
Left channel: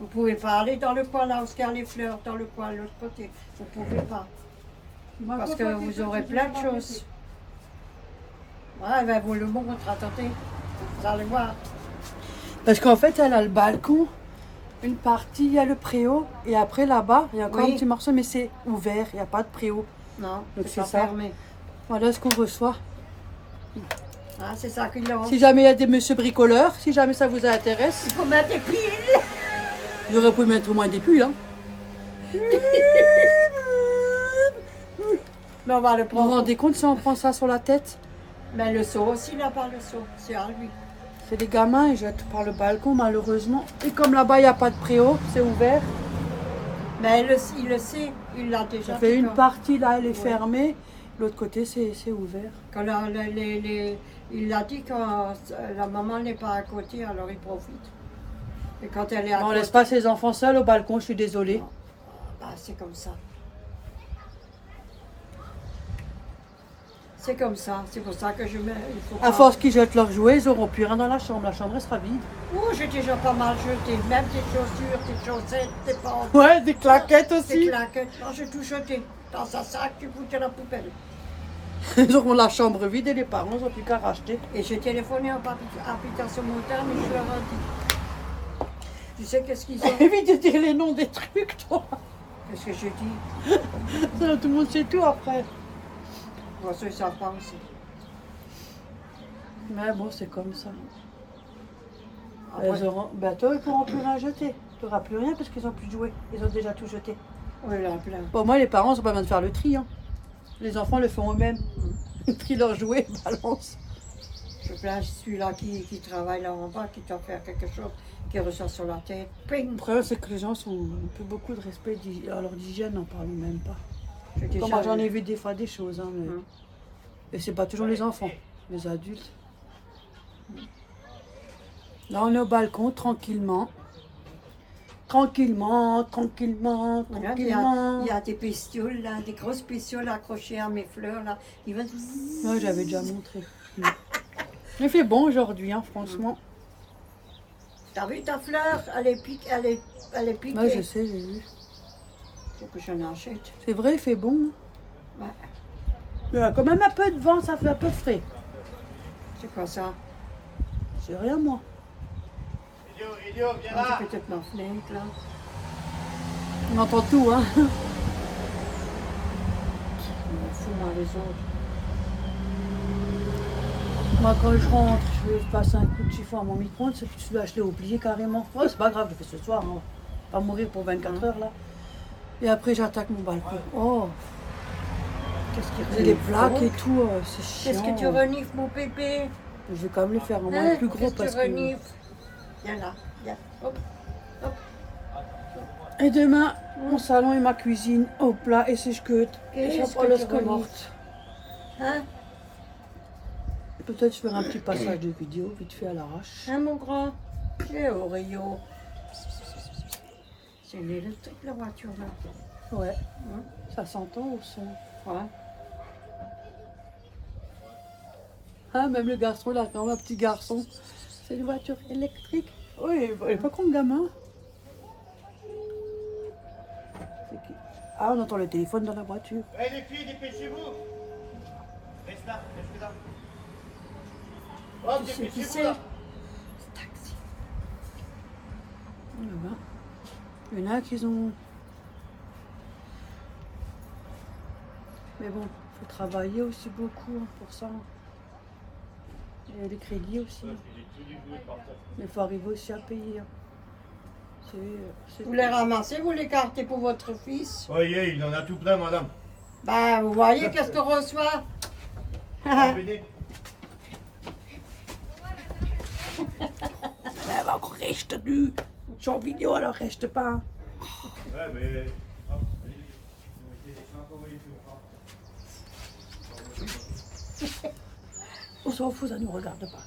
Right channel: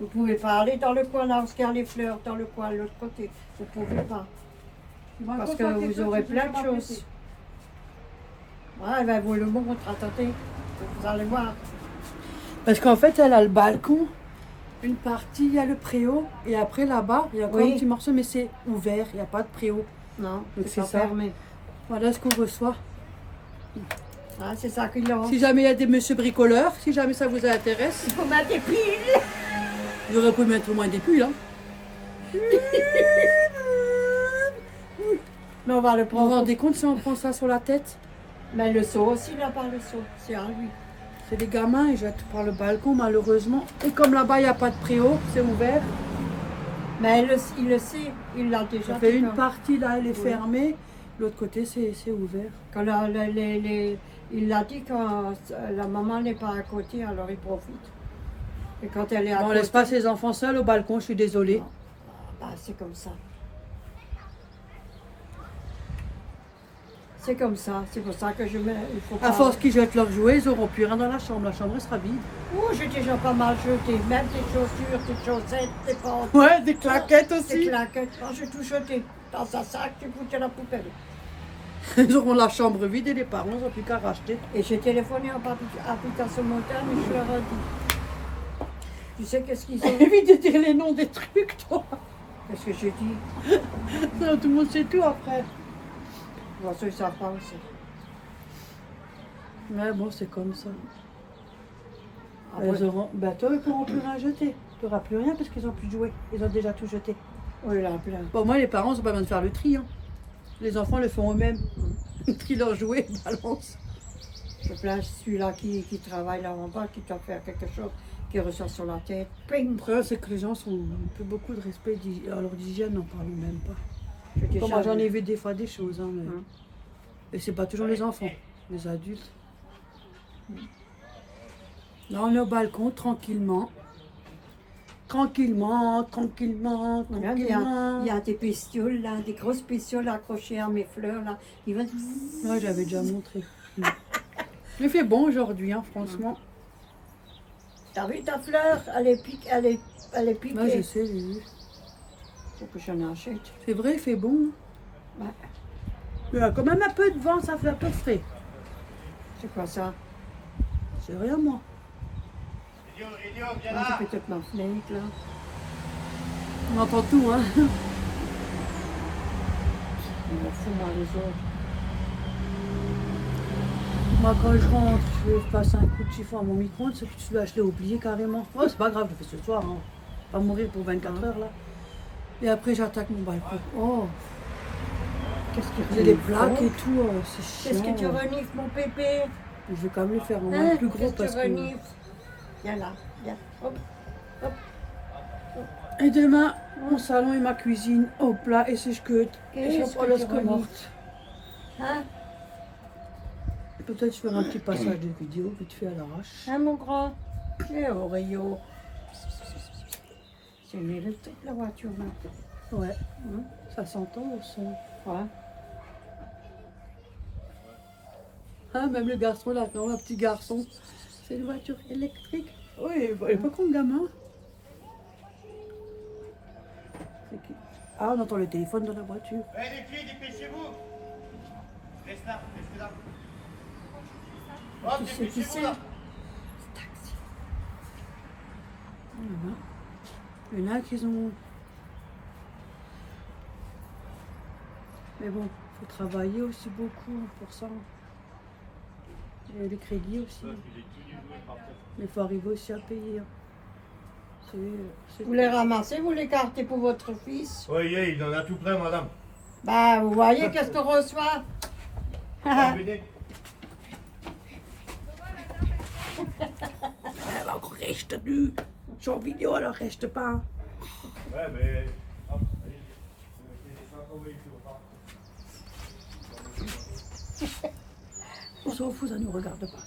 Vous pouvez pas aller dans le coin là où il y a les fleurs, dans le coin, l'autre côté. Vous pouvez pas. Parce que vous aurez plein de choses. Ouais, ben vous le montre, attendez. Vous allez voir. Parce qu'en fait, elle a le balcon, une partie, il y a le préau, et après là-bas, il y a encore Oui. un petit morceau, mais c'est ouvert, il n'y a pas de préau. Non, Donc c'est c'est pas ça. fermé. Voilà ce qu'on reçoit. Ah, c'est ça qu'il lance. Si jamais il y a des monsieur bricoleurs, si jamais ça vous intéresse, Il faut mettre des piles. j'aurais pu mettre au moins des pulls. Hein. Mais on va le Vous vous prendre. rendez compte si on prend ça sur la tête? Mais le seau aussi, là-bas, le seau. C'est à lui. C'est des gamins, ils jettent par le balcon malheureusement. Et comme là-bas il n'y a pas de préau, c'est ouvert. Mais il le sait. Il l'a déjà Ça fait dit une quand- partie là, elle est Oui. fermée. L'autre côté c'est ouvert. Quand il l'a dit quand la maman n'est pas à côté, alors il profite. Et quand elle est à On côté, laisse pas ses enfants seuls au balcon, je suis désolée. bah, c'est comme ça. C'est comme ça. C'est pour ça que je mets. Il faut À pas- force qu'ils jettent leurs jouets, ils n'auront plus rien dans la chambre. La chambre elle sera vide. Oh, j'ai déjà pas mal jeté. Même tes chaussures, tes chaussettes, tes pantalons. Ouais, des claquettes Tes aussi. claquettes. Oh, j'ai tout jeté. Dans un sac, tu foutais la poubelle. Ils auront la chambre vide et les parents n'ont plus qu'à racheter. Et j'ai téléphoné en habitation montagne et je leur ai dit. Tu sais qu'est-ce qu'ils ont? Évite de dire les noms des trucs, toi. Qu'est-ce que j'ai dit? Ça, tout le monde sait tout après. Voici, ils savent pas aussi. Mais bon, c'est comme ça. Après, Elles auront... Ben, toi, ils pourront plus rien jeter. Tu n'auras plus rien parce qu'ils ont plus joué. Ils ont déjà tout jeté. oui, là, plein. Pour moi, les parents sont pas besoin de faire le tri. Hein. Les enfants le font eux-mêmes. Ils trient leurs jouets, ils balancent. Je plains celui-là qui travaille là en bas, qui doit faire quelque chose, qui ressort sur la tête. Ping! Le problème, c'est que les gens ont plus beaucoup de respect à leur d'hygiène, n'en parlons même pas. J'ai déjà Comme moi, j'en vu. ai vu des fois des choses. Hein, mais... Hein. Et c'est pas toujours les enfants, les adultes. Là, on est au balcon, tranquillement. Tranquillement, tranquillement, Regarde, il tranquillement. y a des bestioles là, des grosses bestioles accrochées à mes fleurs là. Ils vont... Ouais, j'avais déjà montré. Il fait bon aujourd'hui, hein, franchement. T'as vu ta fleur? Elle est piquée. Elle est piquée. Ouais, je sais, j'ai vu. Faut que j'en achète. C'est vrai, il fait bon. Ouais. Il y a quand même un peu de vent, ça fait un peu frais. C'est quoi ça? C'est rien, moi. Ah, c'est peut-être ma fenêtre là. On entend tout, hein. Je m'en fous moi les autres. Moi, quand je rentre, je passe un coup de chiffon à mon micro-ondes, c'est que je l'ai oublié carrément. Oh, c'est pas grave, je le fais ce soir. Hein. Pas mourir pour 24 heures, là. Et après, j'attaque mon balcon. Oh, Qu'est-ce que j'ai des plaques et tout, c'est chiant. Qu'est-ce que tu renifles mon bébé? Je vais quand même le faire en Hein? moins plus gros Qu'est-ce parce que tu que... renifles? Viens là, viens. Hop. Et demain, mon salon et ma cuisine, au plat et sèche-queute. Et Qu'est-ce ça pas que le tu que renifles? morte. Hein? Peut-être je ferai un petit passage de vidéo vite fait à l'arrache. Hein mon grand? Et Oreo. C'est une électrique la voiture là. Ouais, Hein? ça s'entend au son. Ouais. Ah, même le garçon, là, quand même, un petit garçon. C'est une voiture électrique. Oui, il est pas con, le gamin. C'est qui? Ah, on entend le téléphone dans la voiture. Hé les filles, dépêchez-vous. Reste là, restez là. Oh, Tu sais qui dépêchez-vous c'est? là. Taxi. Voilà. Il y en a qui ont... Mais bon, il faut travailler aussi beaucoup hein, pour ça. Et les crédits aussi. Mais il faut arriver aussi à payer. Hein. Vous les ramassez, vous les cartez pour votre fils? Oui, il en a tout plein, madame. Bah, vous voyez qu'est-ce qu'on reçoit? Venez. Elle va encore rester nue. Je suis en vidéo, alors reste pas. Ouais, mais. Hop, allez. On s'en fout, ça ne nous regarde pas.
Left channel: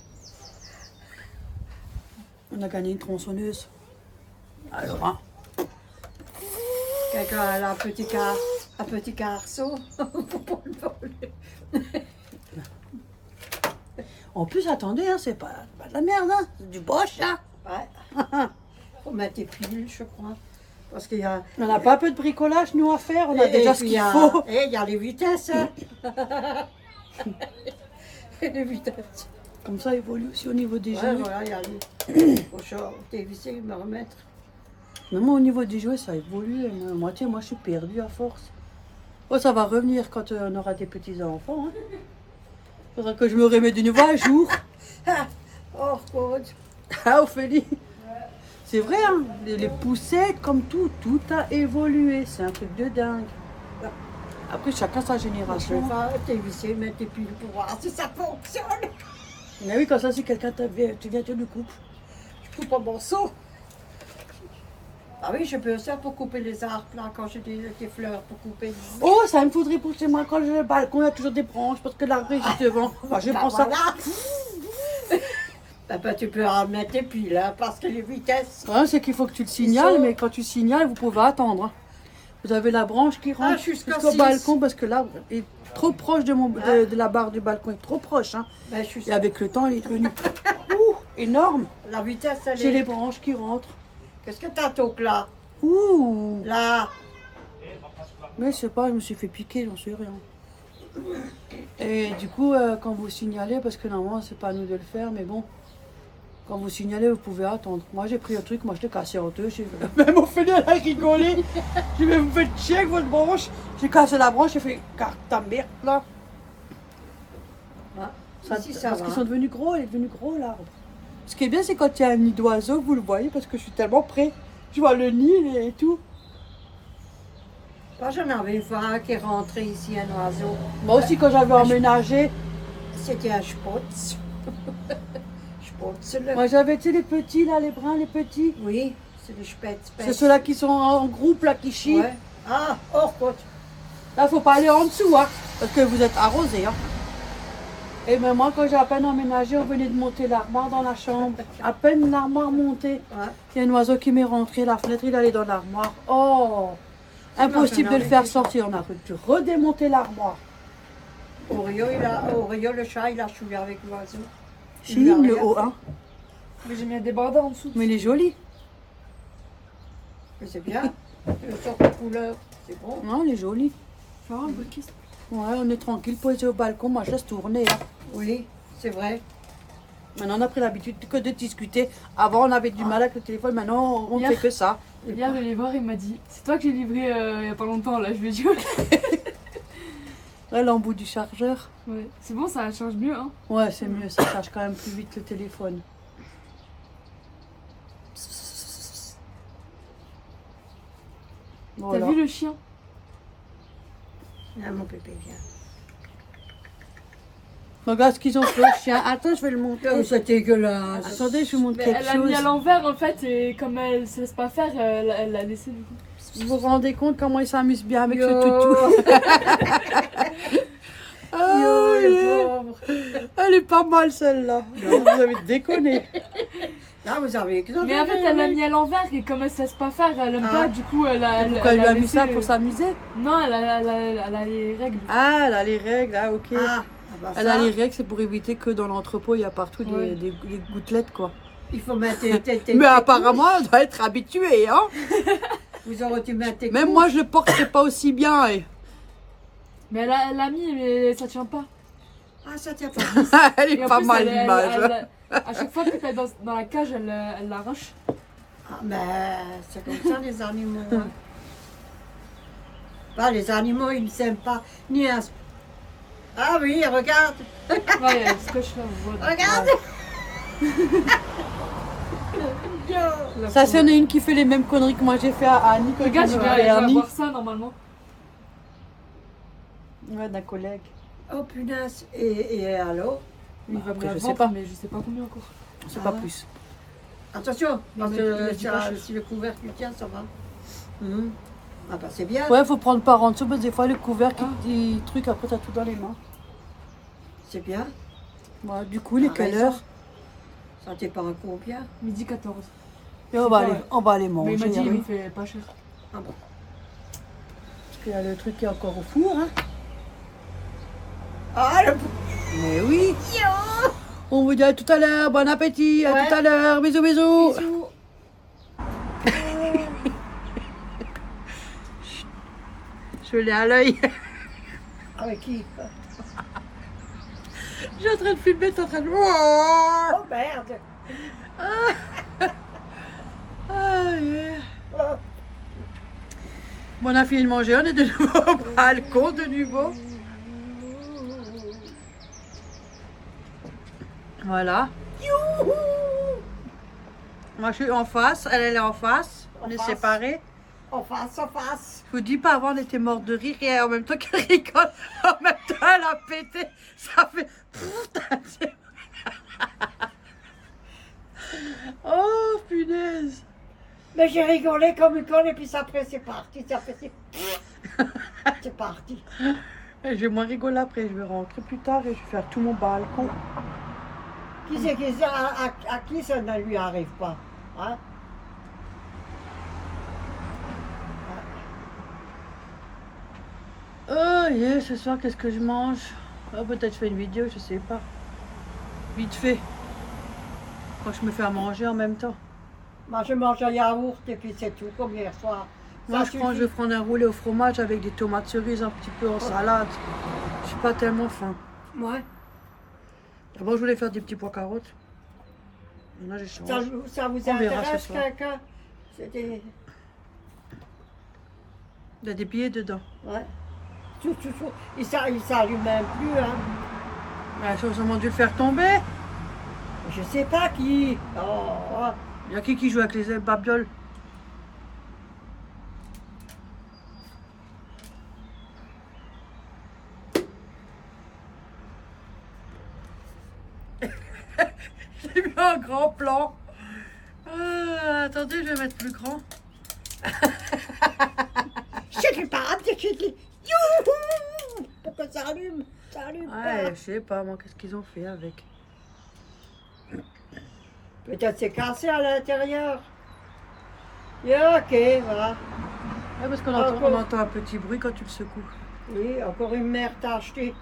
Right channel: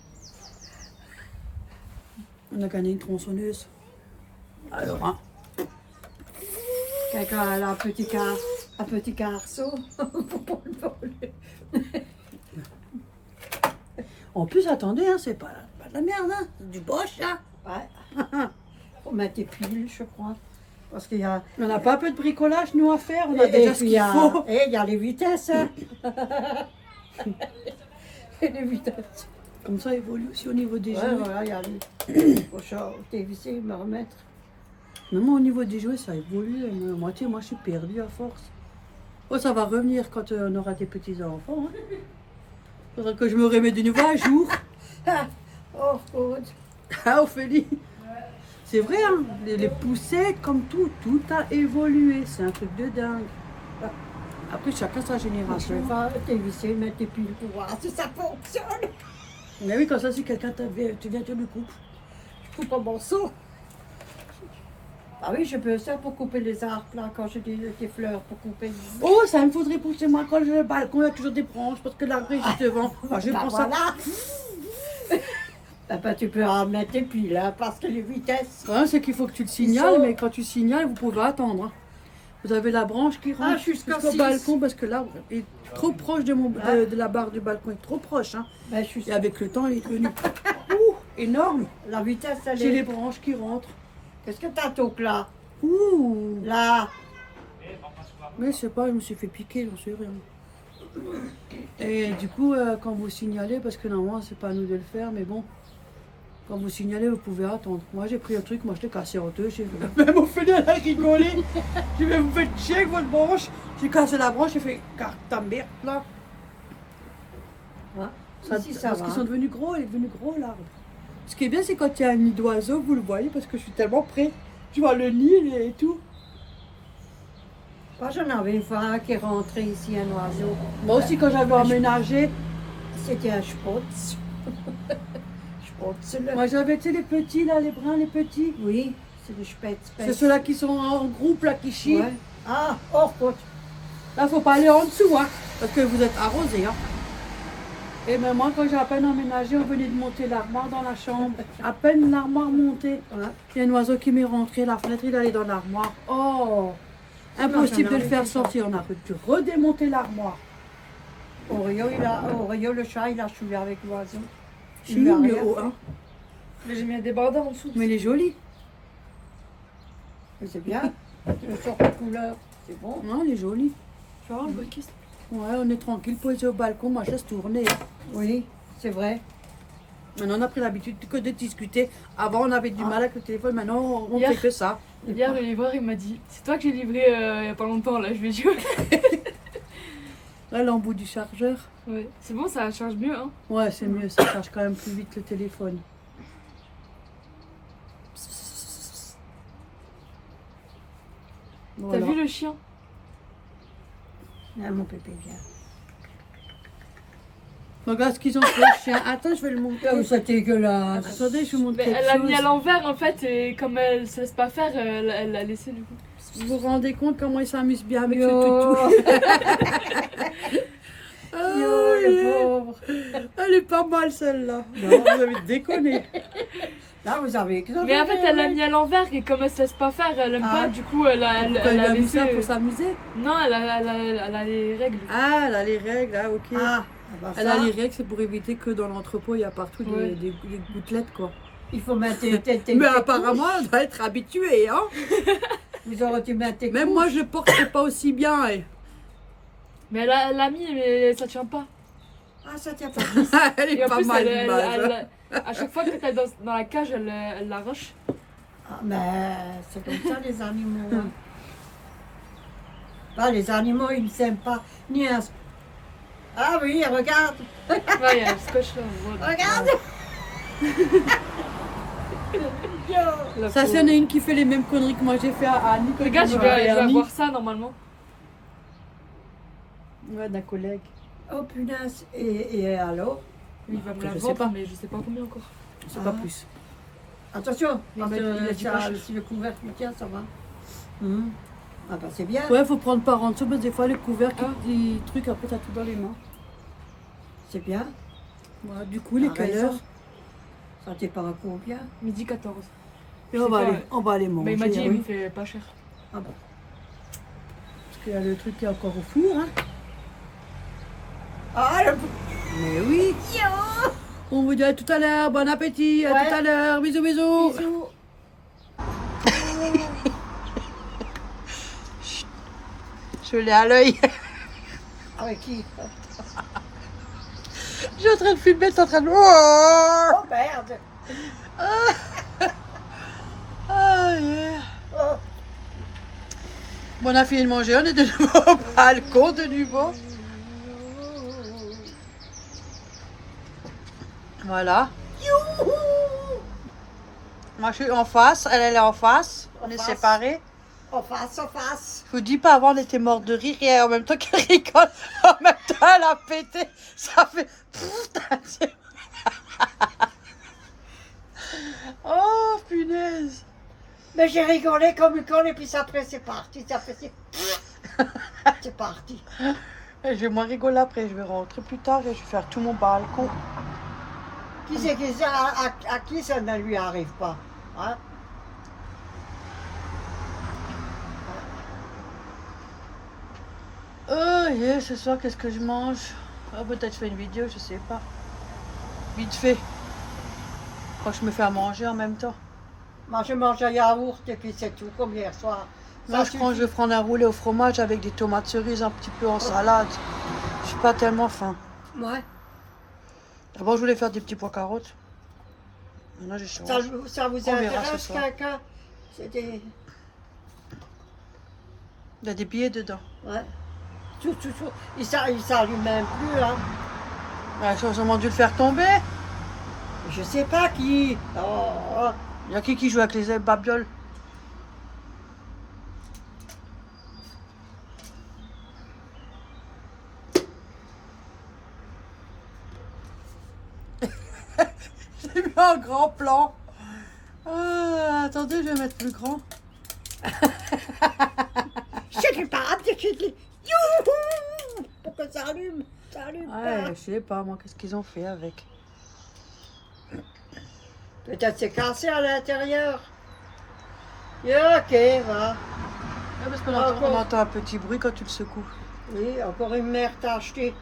On a gagné une tronçonneuse. Alors, hein. Quelqu'un a un petit carceau pour le voler. En plus, attendez, hein, c'est pas de la merde, hein. C'est du boche, là. Ouais. Faut mettre des piles, je crois. Parce qu'il y a. On n'a pas un peu de bricolage, nous, à faire. On a Et déjà puis ce il y qu'il a. faut. Et il y a les vitesses. Hein. Les vitesses. Comme ça, évolue aussi au niveau des Ouais, jouets. voilà, il y a les. Faut dévisser, me remettre. Même au niveau des jouets, ça évolue. Moi, je suis perdue à force. Oh, ça va revenir quand on aura des petits-enfants. Hein. Faudra que je me remette de nouveau à jour. Oh, God. Ah, Ophélie. C'est vrai, hein. Les poussettes, comme tout a évolué. C'est un truc de dingue. Après, chacun sa Je vais génération. pas dévisser, mettre des piles pour voir si ça fonctionne. Mais oui, quand ça, si quelqu'un tu viens te le coupe. Je coupe un morceau. Ah oui, je peux ça pour couper les arbres là, quand j'ai des fleurs pour couper. Oh, ça me faudrait pour chez moi. Quand j'ai le balcon, il y a toujours des branches parce que l'arbre est juste devant. Enfin, je Bah, prends ça. voilà. Bah, tu peux en mettre des piles là, parce que les vitesses. Le problème, c'est qu'il faut que tu le signales, mais quand tu signales, vous pouvez attendre. Hein. Vous avez la branche qui rentre jusqu'à jusqu'au 6. balcon parce que là, il est trop proche de la barre du balcon. Il est trop proche. Hein. Ben, je suis Et avec le temps, il est devenu énorme. La vitesse, elle C'est les est. branches qui rentrent. Qu'est-ce que t'as, Toc, là? Ouh. Là. Mais je sais pas, je me suis fait piquer, j'en sais rien. Et du coup, quand vous signalez, parce que normalement, c'est pas à nous de le faire, mais bon, quand vous signalez, vous pouvez attendre. Moi, j'ai pris le truc, moi, je l'ai cassé en deux. Même Ophélie, elle a rigolé. Je vais vous faire chier avec votre branche. J'ai cassé la branche, j'ai fait carte ta merde, là. Ici, ça parce va. qu'ils sont devenus gros, il est devenu gros, l'arbre. Ce qui est bien, c'est quand il y a un nid d'oiseau, vous le voyez, parce que je suis tellement près. Je vois le nid et tout. Moi, j'en avais une fois un qui est rentré ici, un oiseau. Moi aussi, quand j'avais emménagé, C'était un spotz. Spotz, là. moi j'avais, tu sais, les petits, là, les bruns, les petits. Oui, c'est le spetz. C'est ceux-là qui sont en groupe, là, qui chient. Ouais. Ah, oh, spotz. Là, faut pas aller en dessous, hein, parce que vous êtes arrosés, hein. Et même moi, quand j'ai à peine emménagé, on venait de monter l'armoire dans la chambre. À peine l'armoire montée. Ouais. Il y a un oiseau qui m'est rentré, la fenêtre, il allait dans l'armoire. Oh, impossible de le faire sortir. On a dû redémonter l'armoire. Oreo, le chat, il a chouillé avec l'oiseau. Il Chine, a le rien haut, fait. hein. Mais j'ai mis un débardeur en dessous. Mais il est joli. Mais c'est bien. Une sorte de couleur. C'est bon. Non, il est joli. Tu vois, un peu qui Ouais, on est tranquille, posé au balcon, moi je laisse tourner. Hein. Oui, c'est vrai. Maintenant, on a pris l'habitude que de discuter. Avant, on avait du mal avec le téléphone, maintenant, on ne Hier. fait que ça. Hier, le livreur, il m'a dit c'est toi que j'ai livré il y a pas longtemps, là. Je lui ai dit Ouais, l'embout du chargeur. ouais. C'est bon, ça charge mieux, hein. Ouais, c'est mieux, ça charge quand même plus vite que le téléphone. Voilà. T'as vu le chien? Ah, mon pépé, viens. Regarde ce qu'ils ont fait, le chien. Attends, je vais le montrer. Oh, c'est dégueulasse. Attendez, je vous montre Mais quelque elle l'a mis à chose. l'envers, en fait, et comme elle se laisse pas faire, elle l'a laissé, du coup. Vous vous rendez compte comment il s'amuse bien avec ce Yo. toutou. Yo, le pauvre. Elle est pas mal celle-là. Non, vous avez déconné. Là, vous avez Mais en fait, elle l'a mis à l'envers, et comme elle se laisse pas faire, elle aime Ah. pas, du coup, elle a Pourquoi il a mis laissé... ça pour s'amuser? Non, elle a les règles. Ah, elle a les règles, ah ok. Ah, bah Elle ça, a les règles, c'est pour éviter que dans l'entrepôt, il y a partout Ouais. des gouttelettes, quoi. il faut mettre Mais apparemment, elle doit être habituée, hein. Vous aurez dû mettre tes Même moi, je le porterai pas aussi bien. Eh. Mais elle l'a mis, mais ça tient pas. Ah, ça tient pas. Elle Et est en pas plus, mal, l'image. à chaque fois que t'es dans la cage, elle l'arrache. Ah, mais c'est comme ça, les animaux. Hein. Bah, les animaux, ils ne s'aiment pas. Ni un... Ah oui, regarde. Ouais, il y a le scotch là. on voit. Regarde. La Ça, pauvre. c'en est une qui fait les mêmes conneries que moi j'ai fait à Annie. quand Regarde, elle je m'avait vais permis. avoir ça normalement. Ouais, d'un collègue. Oh punaise. Et alors? Il va me après, la je sais vendre, pas. mais je sais pas combien encore. Je sais Ah. pas plus. Attention, Mais parce il a que dit pas cher. si le couvercle il tient, ça va. Mhm. Ah bah c'est bien. Ouais, faut prendre par en dessous parce que des fois, le couvercle, Ah. il truc, après, t'as tout dans les mains. C'est bien. Ouais, du coup, il est T'as quelle raison. heure? Ça t'est pas un combien? Midi 14. Et on sais va, pas, aller, ouais. on va aller manger. Mais il m'a dit, hein, il oui. me fait pas cher. Ah bon. Parce qu'il y a le truc qui est encore au four. Hein. Ah le... Mais oui. On vous dit à tout à l'heure. Bon appétit. À Ouais. tout à l'heure. Bisous, bisous. Bisous. Je l'ai à l'œil. Avec qui? Je suis en train de filmer, c'est en train de... Oh merde. Ah, yeah. Oh. Bon, on a fini de manger, on est de nouveau au balcon, de nouveau. Voilà. Youhou. Moi, je suis en face, elle est en face. On En est face. séparés. En face, en face. Je vous dis pas, avant, on était morte de rire et en même temps qu'elle rigole, en même temps, elle a pété. Ça fait... Putain, oh, punaise. Mais j'ai rigolé comme une conne et puis après c'est parti. Ça fait... C'est parti. Et je vais moins rigoler après, je vais rentrer plus tard et je vais faire tout mon balcon. Qui c'est qui ça, à qui ça ne lui arrive pas? Hein? Oh, yeah, ce soir, qu'est-ce que je mange? Oh, peut-être je fais une vidéo, je sais pas. Vite fait. Quand je me fais à manger en même temps. Moi je mange un yaourt et puis c'est tout comme hier soir. Moi, Ça je vais prendre un roulé au fromage avec des tomates cerises un petit peu en salade. Je pas tellement faim. Ouais. D'abord, je voulais faire des petits pois carottes. Maintenant, j'ai changé. Ça vous On verra intéresse, ce soir. quelqu'un? C'est des... Il y a des billets dedans. Ouais. Tout. Il s'allume même plus, hein. Bah, ils ont dû le faire tomber. Je sais pas qui. Oh. Il y a qui joue avec les babioles? J'ai mis un grand plan. Attendez, je vais mettre plus grand. Je sais pas, youhou! Pourquoi ça allume? Ça allume Ouais, pas. je sais pas, moi, qu'est-ce qu'ils ont fait avec. Peut-être c'est cassé à l'intérieur. Yeah, ok, voilà. Ah, parce qu'on entend, on entend un petit bruit quand tu le secoues. Oui, encore une mère t'a acheté.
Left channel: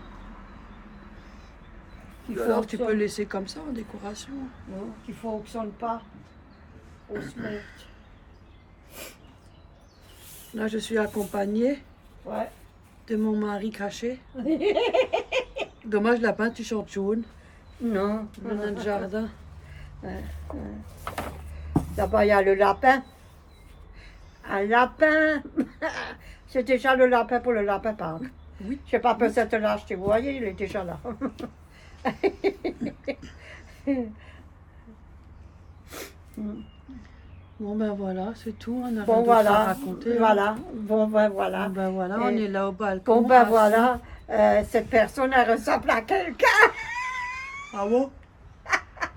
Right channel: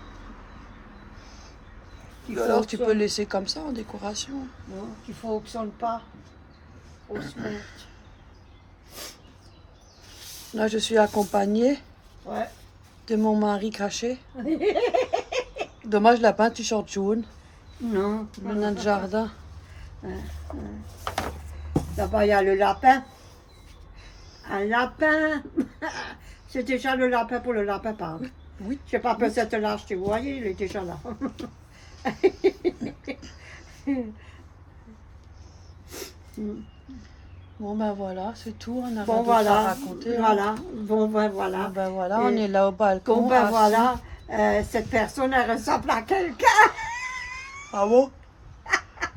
Alors, tu peux le laisser comme ça en décoration. Non, qu'il fonctionne pas. Grosse merde. Là, je suis accompagnée Ouais. de mon mari caché. Dommage, la peinture jaune Non. dans notre jardin. Là-bas, il y a le lapin. Un lapin. C'est déjà le lapin pour le lapin Pâques. Oui. Je sais pas, peut-être là, je vous voyez, il est déjà là. Bon, ben voilà, c'est tout. On a rien Bon, d'autre à voilà. raconter. hein. Voilà. Bon, ben voilà. Bon, ben voilà, on Et- est là au balcon. Bon, ben assis. voilà. Cette personne, elle ressemble à quelqu'un. Ah bon?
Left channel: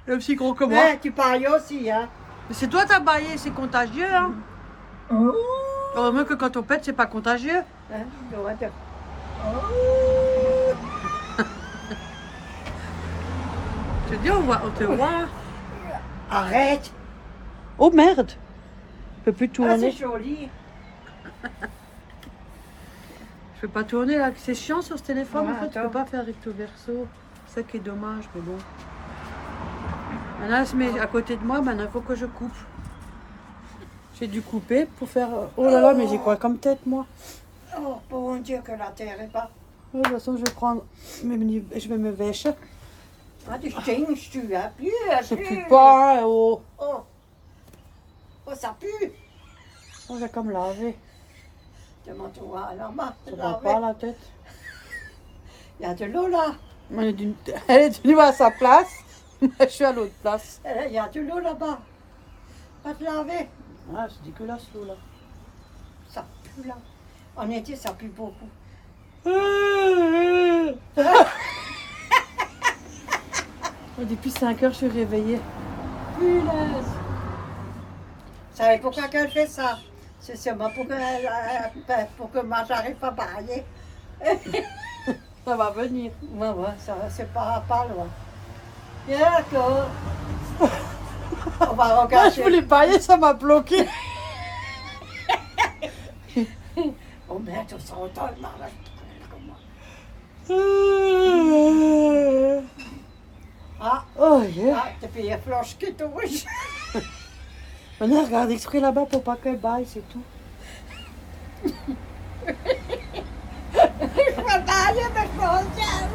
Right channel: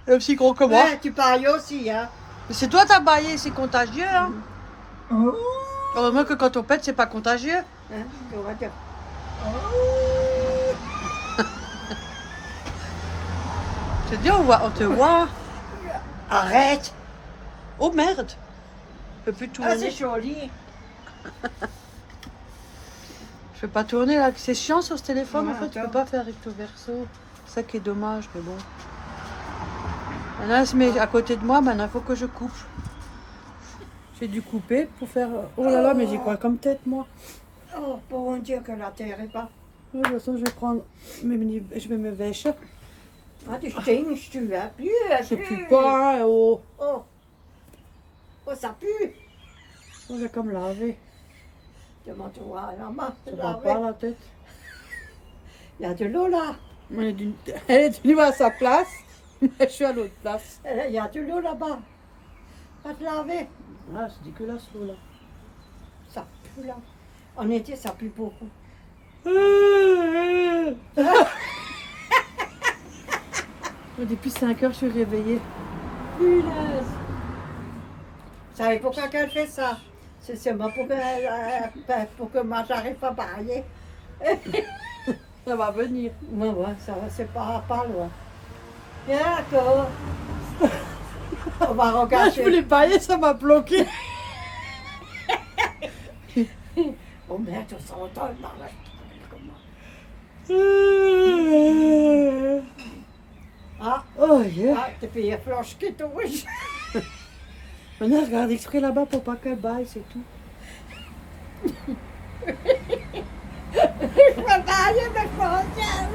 Et aussi gros que moi. Ouais, tu parles aussi, hein. Mais c'est toi, t'as baillé, c'est contagieux, hein? Heureusement que quand on pète, c'est pas contagieux. Hein, tu vois, tu- Je te dis, on te voit. Arrête. Oh merde! Je peux plus Ah, c'est tourner. joli. Je peux pas tourner là. C'est chiant sur ce téléphone, Ouais, en fait. Tu attends. peux pas faire recto verso. C'est ça qui est dommage, mais bon. Maintenant, elle se met à côté de moi. Maintenant, il faut que je coupe. J'ai dû couper pour faire. Oh là là, mais j'ai quoi comme tête, moi? Oh, bon Dieu, que la terre est pas. Ouais, de toute façon, je vais prendre. Je vais me vêcher. Ah, tu stinks, tu as plus. Ça pue pas, oh. Oh. Oh, ça pue. On va comme laver. Demande-toi à la main. Ça va pas la tête. Il y a de l'eau là. Elle est venue à sa place. Moi, je suis à l'autre place. Il y a de l'eau là-bas. Va te laver. Ah, c'est dégueulasse l'eau là. Ça pue là. En été, ça pue beaucoup. Depuis 5 heures, je suis réveillée. Punaise. Vous savez pourquoi qu'elle fait ça? C'est seulement pour que moi, j'arrive pas à bailler. Ça va venir. Ouais, ça va, c'est pas loin. D'accord. On va Moi, je regarder. voulais bailler, ça m'a bloqué. Oh merde, on s'entend le mariage. Comment? Ah, Oh yeah. ah, t'es payé flanche que tout rouge. Maintenant, regarde exprès là-bas pour pas qu'elle baille, c'est tout. Je vais bailler, mais je m'en tiens.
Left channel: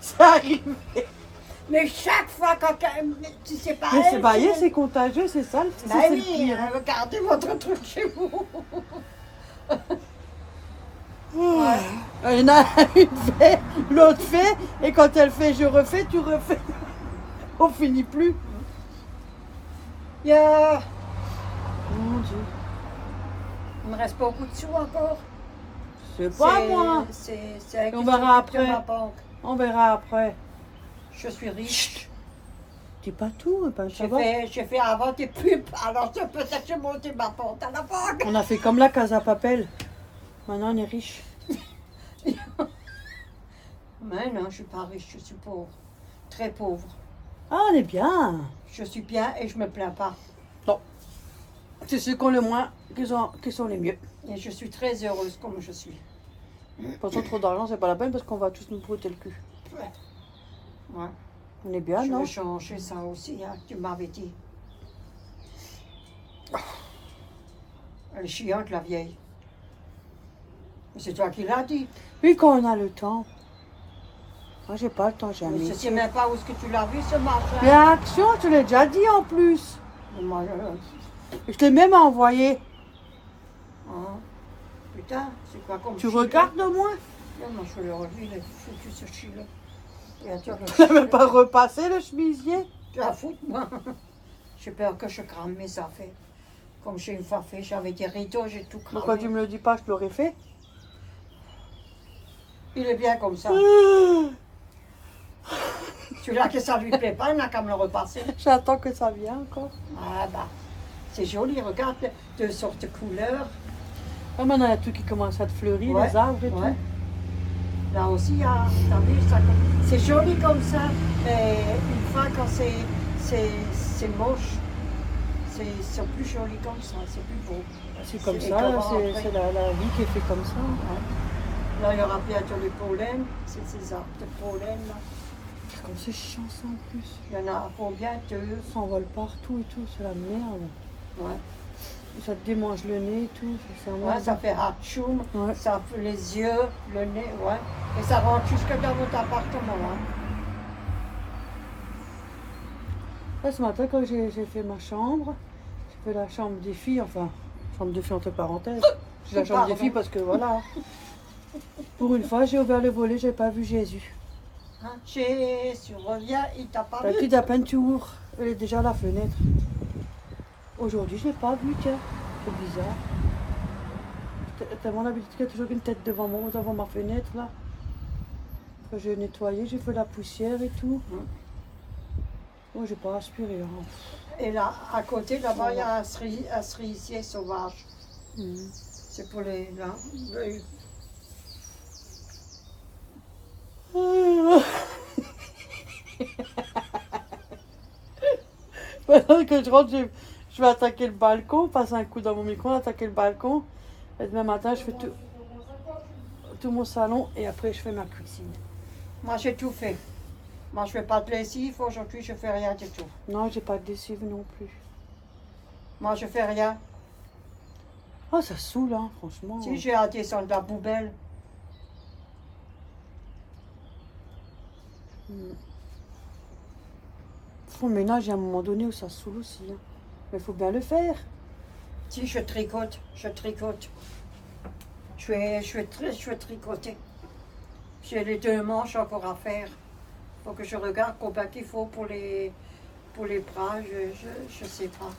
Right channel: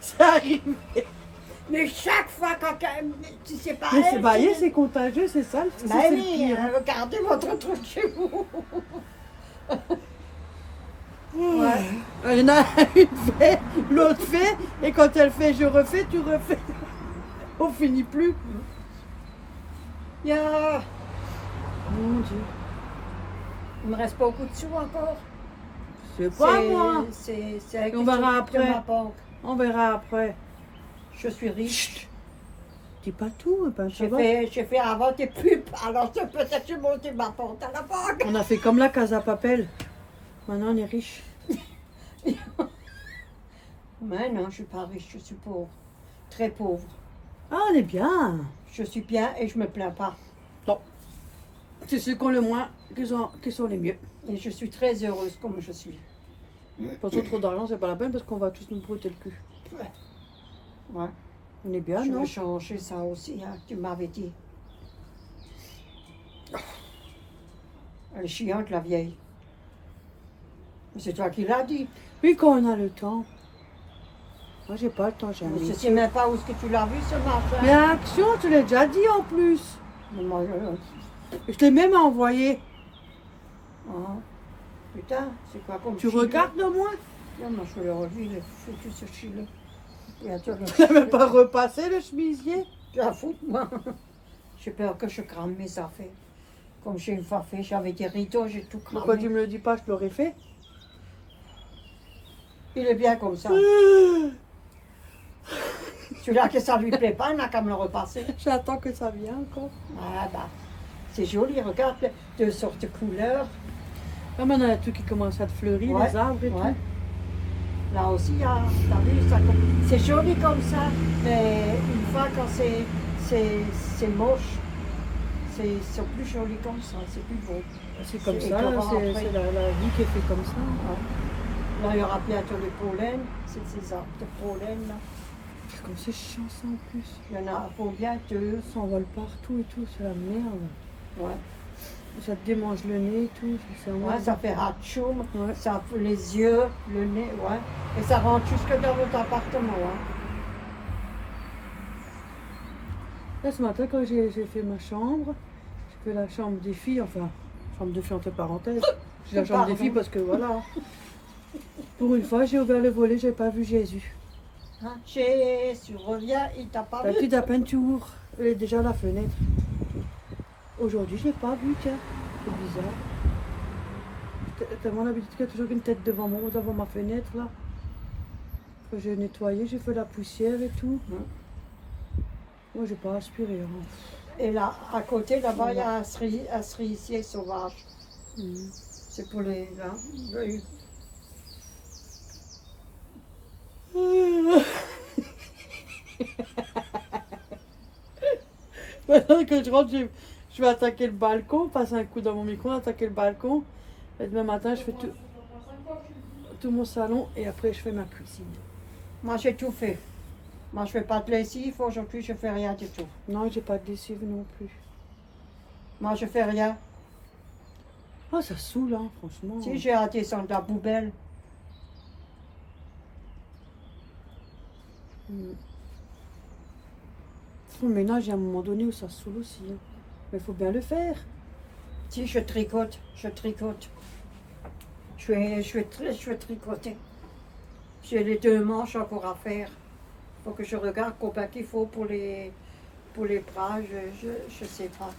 Ça arrive. Mais chaque fois quand tu sais pas. Mais c'est elle, baillé, tu- c'est contagieux, c'est ça. Ben C'est le oui, pire. hein, regardez votre truc chez vous. Ouais. Il y en a une fait, l'autre fait, et quand elle fait, je refais, tu refais. On finit plus. Yeah. Mon Dieu. Il me reste beaucoup de sous encore. C'est pas moi. C'est On verra après. de ma banque. On verra après. Je suis riche. T'es pas tout, pas ça va. J'ai fait avant des pubs, alors peut-être j'ai monté ma porte à la banque. On a fait comme la Casa Papel. Maintenant, on est riche. Mais non, je suis pas riche, je suis pauvre. Très pauvre. Ah, on est bien. Je suis bien et je me plains pas. C'est ceux qui ont le moins qui sont les mieux. Et je suis très heureuse comme je suis. Quand on a trop d'argent, c'est pas la peine parce qu'on va tous nous brouter le cul. Ouais. On est bien, Je non? vais changer ça aussi, hein, tu m'avais dit. Elle est chiante, la vieille. Mais c'est toi qui l'as dit. Oui, quand on a le temps. Moi, j'ai pas le temps, Mais jamais. je sais même pas où est-ce que tu l'as vu, ce machin. Mais Action, tu l'as déjà dit en plus. Mais moi, Je t'ai même envoyé. hein. Putain, c'est quoi comme Tu chile? regardes moi. Non, moi, je le relevé, il est foutu, ce chile. Et tu Tu n'avais pas repassé le chemisier. Tu as foutu, moi. J'ai peur que je crame mes affaires. Comme j'ai une fois fait, j'avais des rideaux, j'ai tout cramé. Pourquoi tu me le dis pas, je l'aurais fait. Il est bien comme ça. Celui-là que ça lui plaît pas, il n'a qu'à me le repasser. J'attends que ça vienne encore. Ah bah, c'est joli, regarde, deux sortes de couleurs. Ah, maintenant, il y a tout qui commence à te fleurir, Ouais, les arbres et ouais. tout. Là aussi, t'as vu, c'est joli comme ça, mais une fois quand c'est moche, c'est plus joli comme ça, c'est plus beau. C'est comme C'est ça, écœurant après. c'est la vie qui est faite comme ça. Ouais. Là, il y aura bientôt les pollens, c'est ces arbres de pollen là. C'est comme c'est chiant ça en plus. Il y en a combien? Deux? Ça envole partout et tout, c'est la merde. Ouais. Et ça te démange le nez et tout. C'est vraiment... Ouais, ça fait hatchoum, Ouais. ça fait les yeux, le nez, ouais. Et ça rentre jusque dans votre appartement, hein. Là, ce matin, quand j'ai fait ma chambre, j'ai fait la chambre des filles, enfin, chambre des filles entre parenthèses. C'est la chambre des Pardon. filles parce que voilà. Pour une fois, j'ai ouvert le volet, j'ai pas vu Jésus. Hein, Jésus revient, il t'a pas La vu. petite à peine tu ouvres, elle est déjà à la fenêtre. Aujourd'hui, je l'ai pas vu, tiens. C'est bizarre. T'as tellement l'habitude qu'il y a toujours une tête devant moi, devant ma fenêtre, là. Après, j'ai nettoyé, j'ai fait la poussière et tout. Moi, j'ai pas aspiré. Hein. Et là, à côté, là-bas, il y a un cerisier sauvage. Mhm. C'est pour les... Là, le- Maintenant que je rentre, je vais attaquer le balcon, passer un coup dans mon micro, attaquer le balcon. Et demain matin, je fais tout mon salon et après, je fais ma cuisine. Moi, j'ai tout fait. Moi, je fais pas de lessive. Aujourd'hui, je fais rien du tout. Non, j'ai pas de lessive non plus. Moi, je fais rien. Oh, ça saoule, hein, franchement. Si j'ai à descendre la poubelle, Faut le ménage, il y a un moment donné où ça saoule aussi. Hein. Mais il faut bien le faire. si je tricote, je tricote. Je vais tricoter. J'ai les deux manches encore à faire. Faut que je regarde combien qu'il faut pour les bras, je sais pas.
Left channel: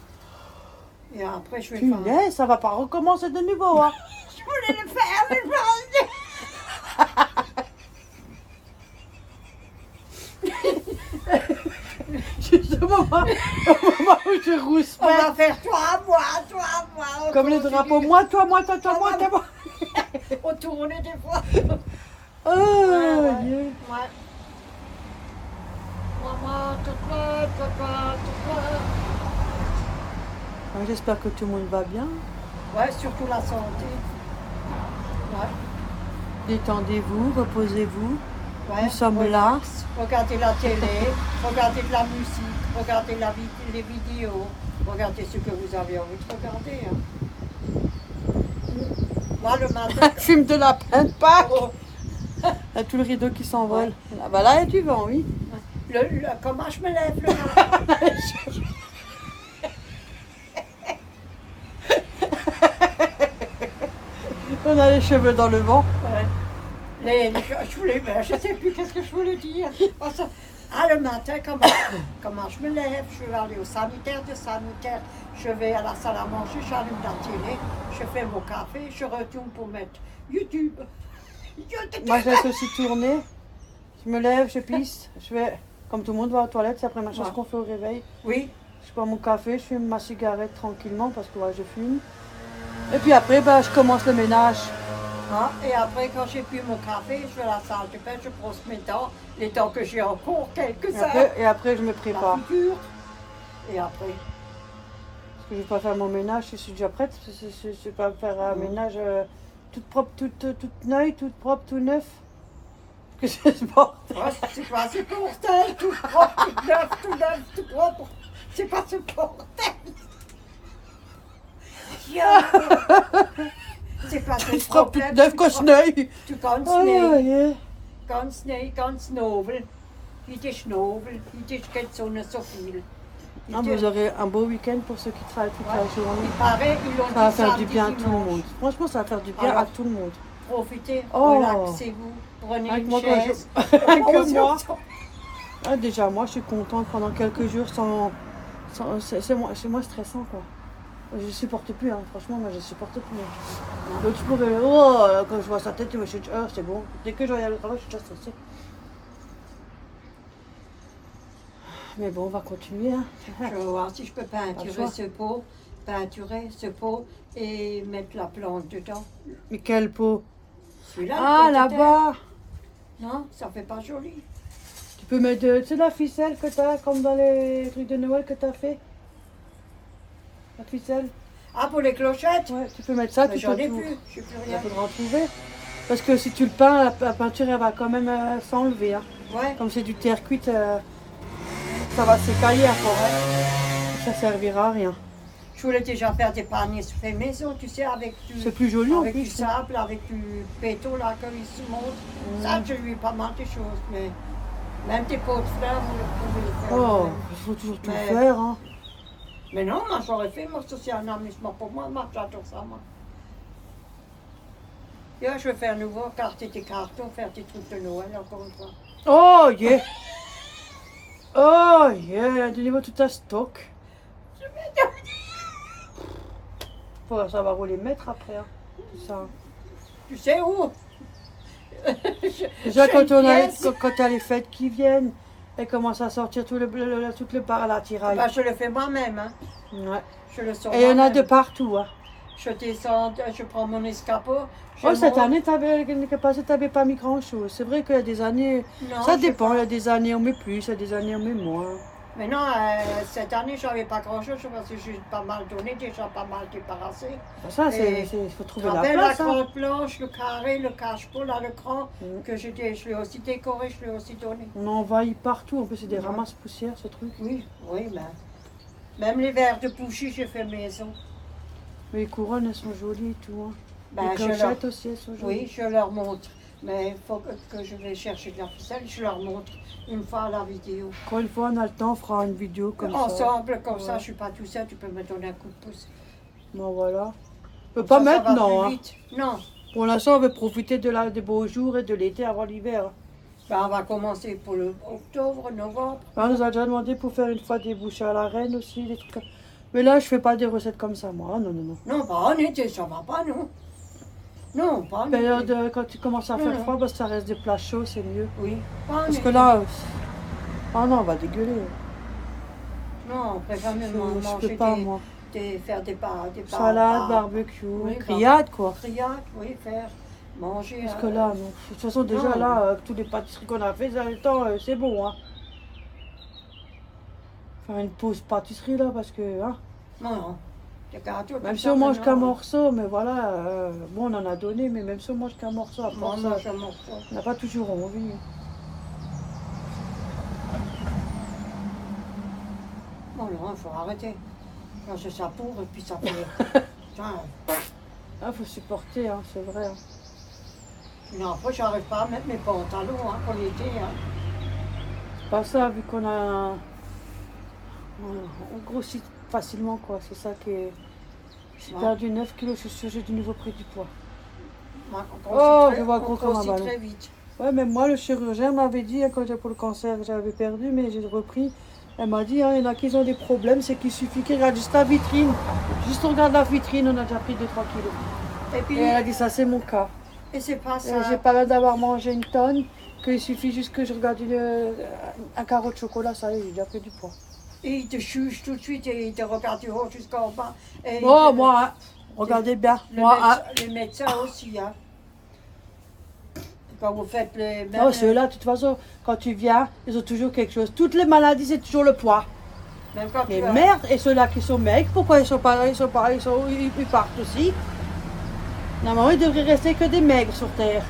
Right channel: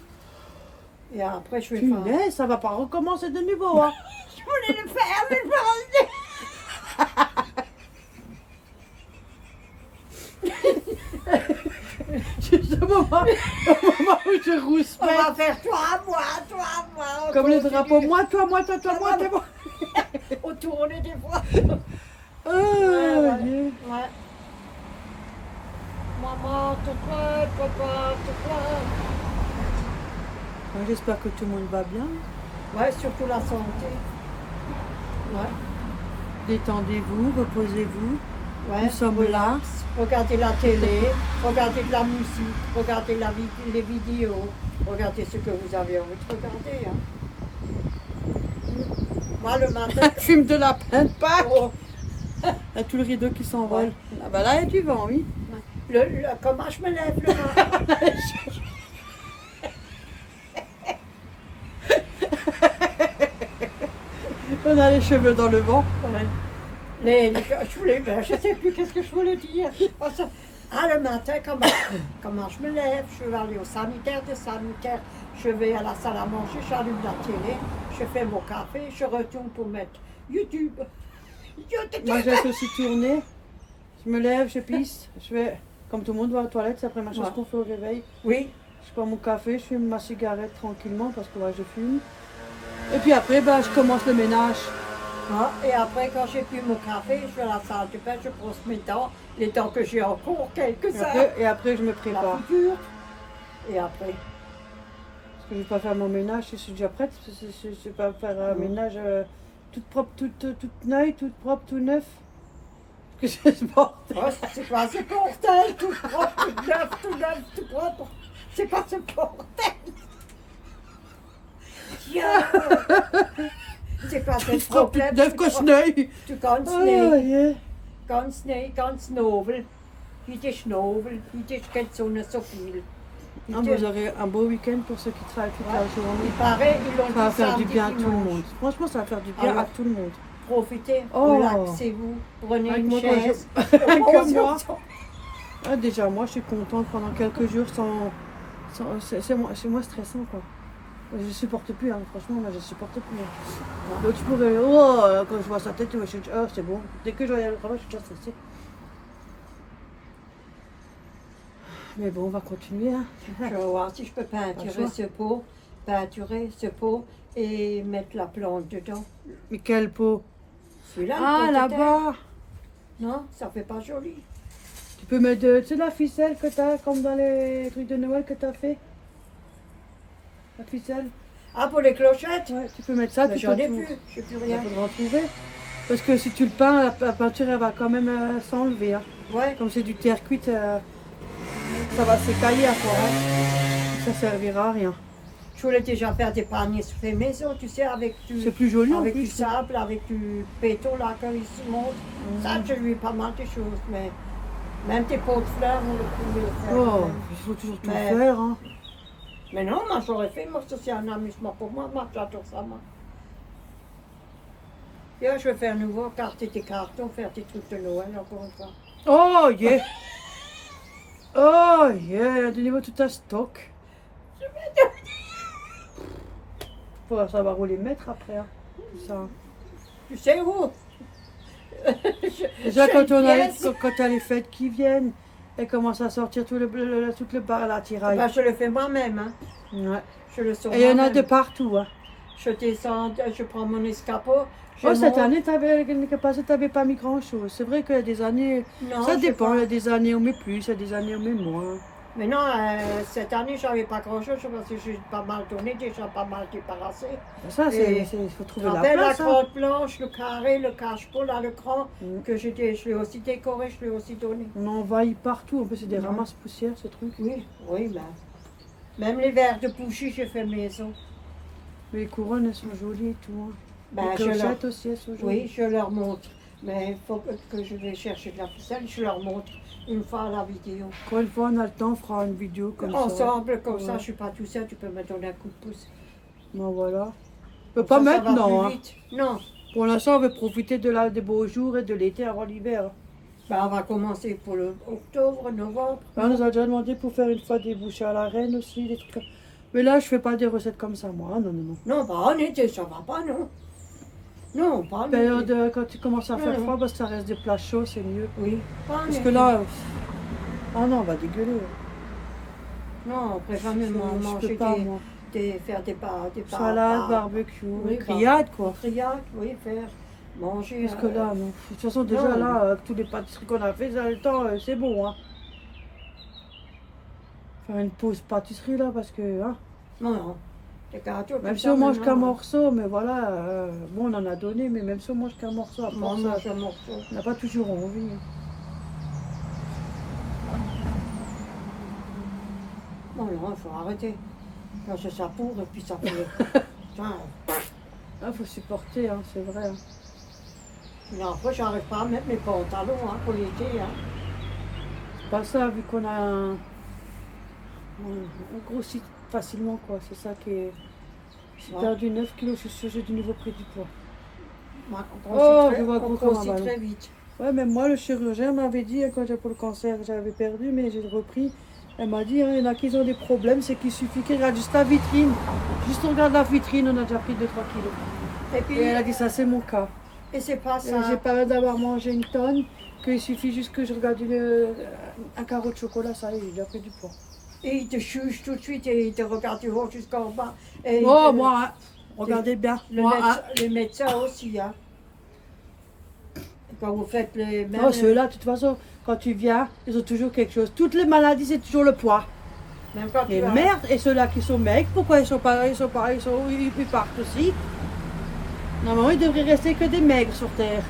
Et après, je vais faire. Punaise, ça va pas recommencer de nouveau, hein. Je voulais le faire, mais je me Au moment où je rousse. On va faire toi, moi. on Comme les continue. drapeaux, moi, toi, moi, toi, toi, moi, toi, moi. On tourne des fois. Oh, Ouais. Dieu. Ouais. Maman, papa. Ah, j'espère que tout le monde va bien. Ouais, surtout la santé. Ouais. Détendez-vous, reposez-vous. Ouais. Nous sommes Relax. Regardez la télé, regardez de la musique, regardez les vidéos, regardez ce que vous avez envie de regarder. Hein. Moi, le matin. Fume de lapin de Pâques. Oh, Il y a tout le rideau qui s'envole. Ah bah là, il y a du vent, oui. comment je me lève le matin? On a les cheveux dans le vent. Ouais. Je sais plus qu'est-ce que je voulais dire. Le matin, comment je me lève, je vais aller au sanitaire, je vais à la salle à manger, j'allume la télé, je fais mon café, je retourne pour mettre YouTube. Moi, je laisse aussi tourner. Je me lève, je pisse. Je vais, comme tout le monde, va aux toilettes. C'est après ma chose Ouais. qu'on fait au réveil. Oui, Je bois mon café, je fume ma cigarette tranquillement parce que ouais, je fume. Et puis après, bah, je commence le ménage. hein, et après, quand j'ai bu mon café, je vais à la salle de bain, je brosse mes dents, les dents que j'ai encore, quelques-uns, Et après, je me la prépare. figure, et après. Parce que je ne vais pas faire mon ménage, je suis déjà prête. Je ne vais pas faire un ménage toute propre, toute neuve, toute propre, tout neuf. Parce que c'est sport. Oh, c'est pas ce bordel, tout propre, tout neuf, tout propre. C'est pas ce bordel. C'est quoi Ich ce trap problème? nicht schnell. Du kannst Oh, nicht, je. ganz nobel. Heute ist nobel, heute geht die Sonne so viel. Ah, vous aurez un beau week-end pour ceux qui travaillent toute la journée. Il paraît, ils l'ont Ça va dit faire du samedi, bien à tout le dimanche. monde. Franchement, ça va faire du bien Alors, à tout le monde. Profitez, Oh. relaxez-vous, prenez Avec une moi, quand chaise. Comme moi. Ah, déjà, moi, je suis contente pendant quelques jours c'est moins stressant, quoi. Je ne supporte plus, hein. Franchement, moi, je ne supporte plus. Hein. L'autre jour, quand je vois sa tête, je me suis dit, oh, c'est bon. Dès que je regarde le travail, je suis déjà stressée. Mais bon, on va continuer. Hein. Je vais voir si je peux peinturer ce pot et mettre la plante dedans. Mais quel pot? Celui-là, Ah, le pot de terre. là-bas. Non, ça fait pas joli. Tu peux mettre tu sais, la ficelle que tu as, comme dans les trucs de Noël que tu as fait. La ficelle. Ah, pour les clochettes? Ouais, tu peux mettre ça. Mais Tu j'en peux ai tout- plus, je n'ai plus Il rien. faudra en trouver. Parce que si tu le peins, la peinture, elle va quand même s'enlever. Hein. Ouais, Comme c'est du terre cuite, ça va s'écailler après. Ça servira à rien. je voulais déjà faire des paniers fait maison, tu sais, avec C'est plus joli en avec du plus. sable, avec du béton là, comme il se montre. Ça, je lui ai pas mal de choses, mais même des pots de fleurs, on pouvait le faire. quand Oh, même. il faut toujours tout Mais- faire. Hein. Mais non, moi j'aurais fait, moi ça c'est un amusement pour moi, j'adore ça, moi. Et là, je vais faire nouveau, carter des cartons, faire des trucs de Noël, encore une fois. Oh, yeah. Oh, yeah. Donnez-moi tout un stock. Faut savoir où les mettre après. Hein. Tout ça. Tu sais où? Déjà, J'ai quand une on a, pièce. quand t'as les fêtes qui viennent, elles commencent à sortir tout le bar à la tiraille. Ben, je le fais moi-même, hein. Ouais. Je le sors Et il y en a moi-même. de partout. Hein. Je descends, je prends mon escabeau. je Oh, cette monte. année, t'avais pas mis grand-chose. C'est vrai qu'il y a des années, Non, ça je sais dépend. pas. Il y a des années, on met plus, il y a des années, on met moins. Mais non, cette année, j'avais pas grand-chose parce que j'ai pas mal donné, déjà pas mal débarrassé. Ça, Et il faut Tu trouver te la rappelles la place. Hein. crotte blanche, le carré, le cache-pot, là, le cran, Mm. que je l'ai aussi décoré, je l'ai aussi donné. On envahit partout. En plus, c'est des Ouais. ramasses-poussières, ce truc. Oui, oui, ben. Même les verres de bougie, j'ai fait maison. Mais les couronnes, elles sont jolies et tout. Hein. Ben, les je leur... clochettes aussi, elles sont jolies. Oui, je leur montre. Mais il faut que je vais chercher de la ficelle, je leur montre une fois à la vidéo. Quand une fois on a le temps, on fera une vidéo comme ça. Ensemble, comme ça, Ouais. je suis pas tout seul, tu peux me donner un coup de pouce. Bon, voilà. Comme Pas ça va maintenant. plus Hein. vite. Non, Pour l'instant, on veut profiter des beaux jours et de l'été avant l'hiver. ben, on va commencer pour le octobre, novembre. On nous a déjà demandé pour faire une fois des bouchées à la reine aussi, des trucs comme... Mais là, je fais pas des recettes comme ça, moi. Non, non, non. Non, pas en été, ça va pas, non. Non, pas en Période, été. quand il commence à faire Mhm. froid, parce que ça reste des plats chauds, c'est mieux. Oui, pas en Parce été. que là, ah non, on va dégueuler. Non, on préfère même Je manger peux pas, moi. faire des pâtes. Salade, barbecue, Oui, grillade, quoi. Grillade, oui, faire manger. Parce que là, non. De toute façon, déjà, Non. là, avec tous les pâtisseries qu'on a fait, ça a le temps, c'est bon, hein. Faire une pause pâtisserie, là, parce que, hein. Non, non. Des gâteaux, Même tout si ça, on mange qu'un maintenant, morceau, mais voilà, bon, on en a donné, mais même si on mange qu'un morceau, à On part ça, mange un morceau. on n'a pas toujours envie. Bon, non, il faut arrêter. Quand c'est ça pour, et puis ça fait. Putain, Ah, faut supporter, hein, c'est vrai. Hein. une fois, j'arrive pas à mettre mes pantalons hein, pour l'été. Hein. C'est pas ça, vu qu'on a on grossit facilement, quoi. C'est ça qui est... J'ai Ouais. perdu 9 kilos, c'est sûr, j'ai du nouveau prix du poids. Ouais, on Oh, grossit je vois très, gros on comme un grossit ballon. très vite. Ouais, même moi, le chirurgien m'avait dit, hein, quand j'étais pour le cancer, j'avais perdu, mais j'ai repris. Elle m'a dit, hein, il y en a qui ont des problèmes, c'est qu'il suffit qu'ils regardent juste la vitrine. Juste on regarde la vitrine, on a déjà pris 2-3 kilos. Et puis, Et elle a dit, ça c'est mon cas. et c'est pas J'ai ça. pas l'air d'avoir mangé une tonne, qu'il suffit juste que je regarde un carreau de chocolat, ça y est, j'ai déjà pris du poids. Et il te juge tout de suite et il te regarde du haut jusqu'en bas. Et il Oh, te- moi, hein, regardez bien. le Moi, médecin- hein, les médecins aussi. Hein. Quand vous faites les mêmes. oh, ceux-là, de toute façon, quand tu viens, ils ont toujours quelque chose. Toutes les maladies, c'est toujours le poids. Même quand Les tu as. merdes, et ceux-là qui sont maigres, pourquoi ils partent aussi? Normalement, il devrait rester que des maigres sur Terre.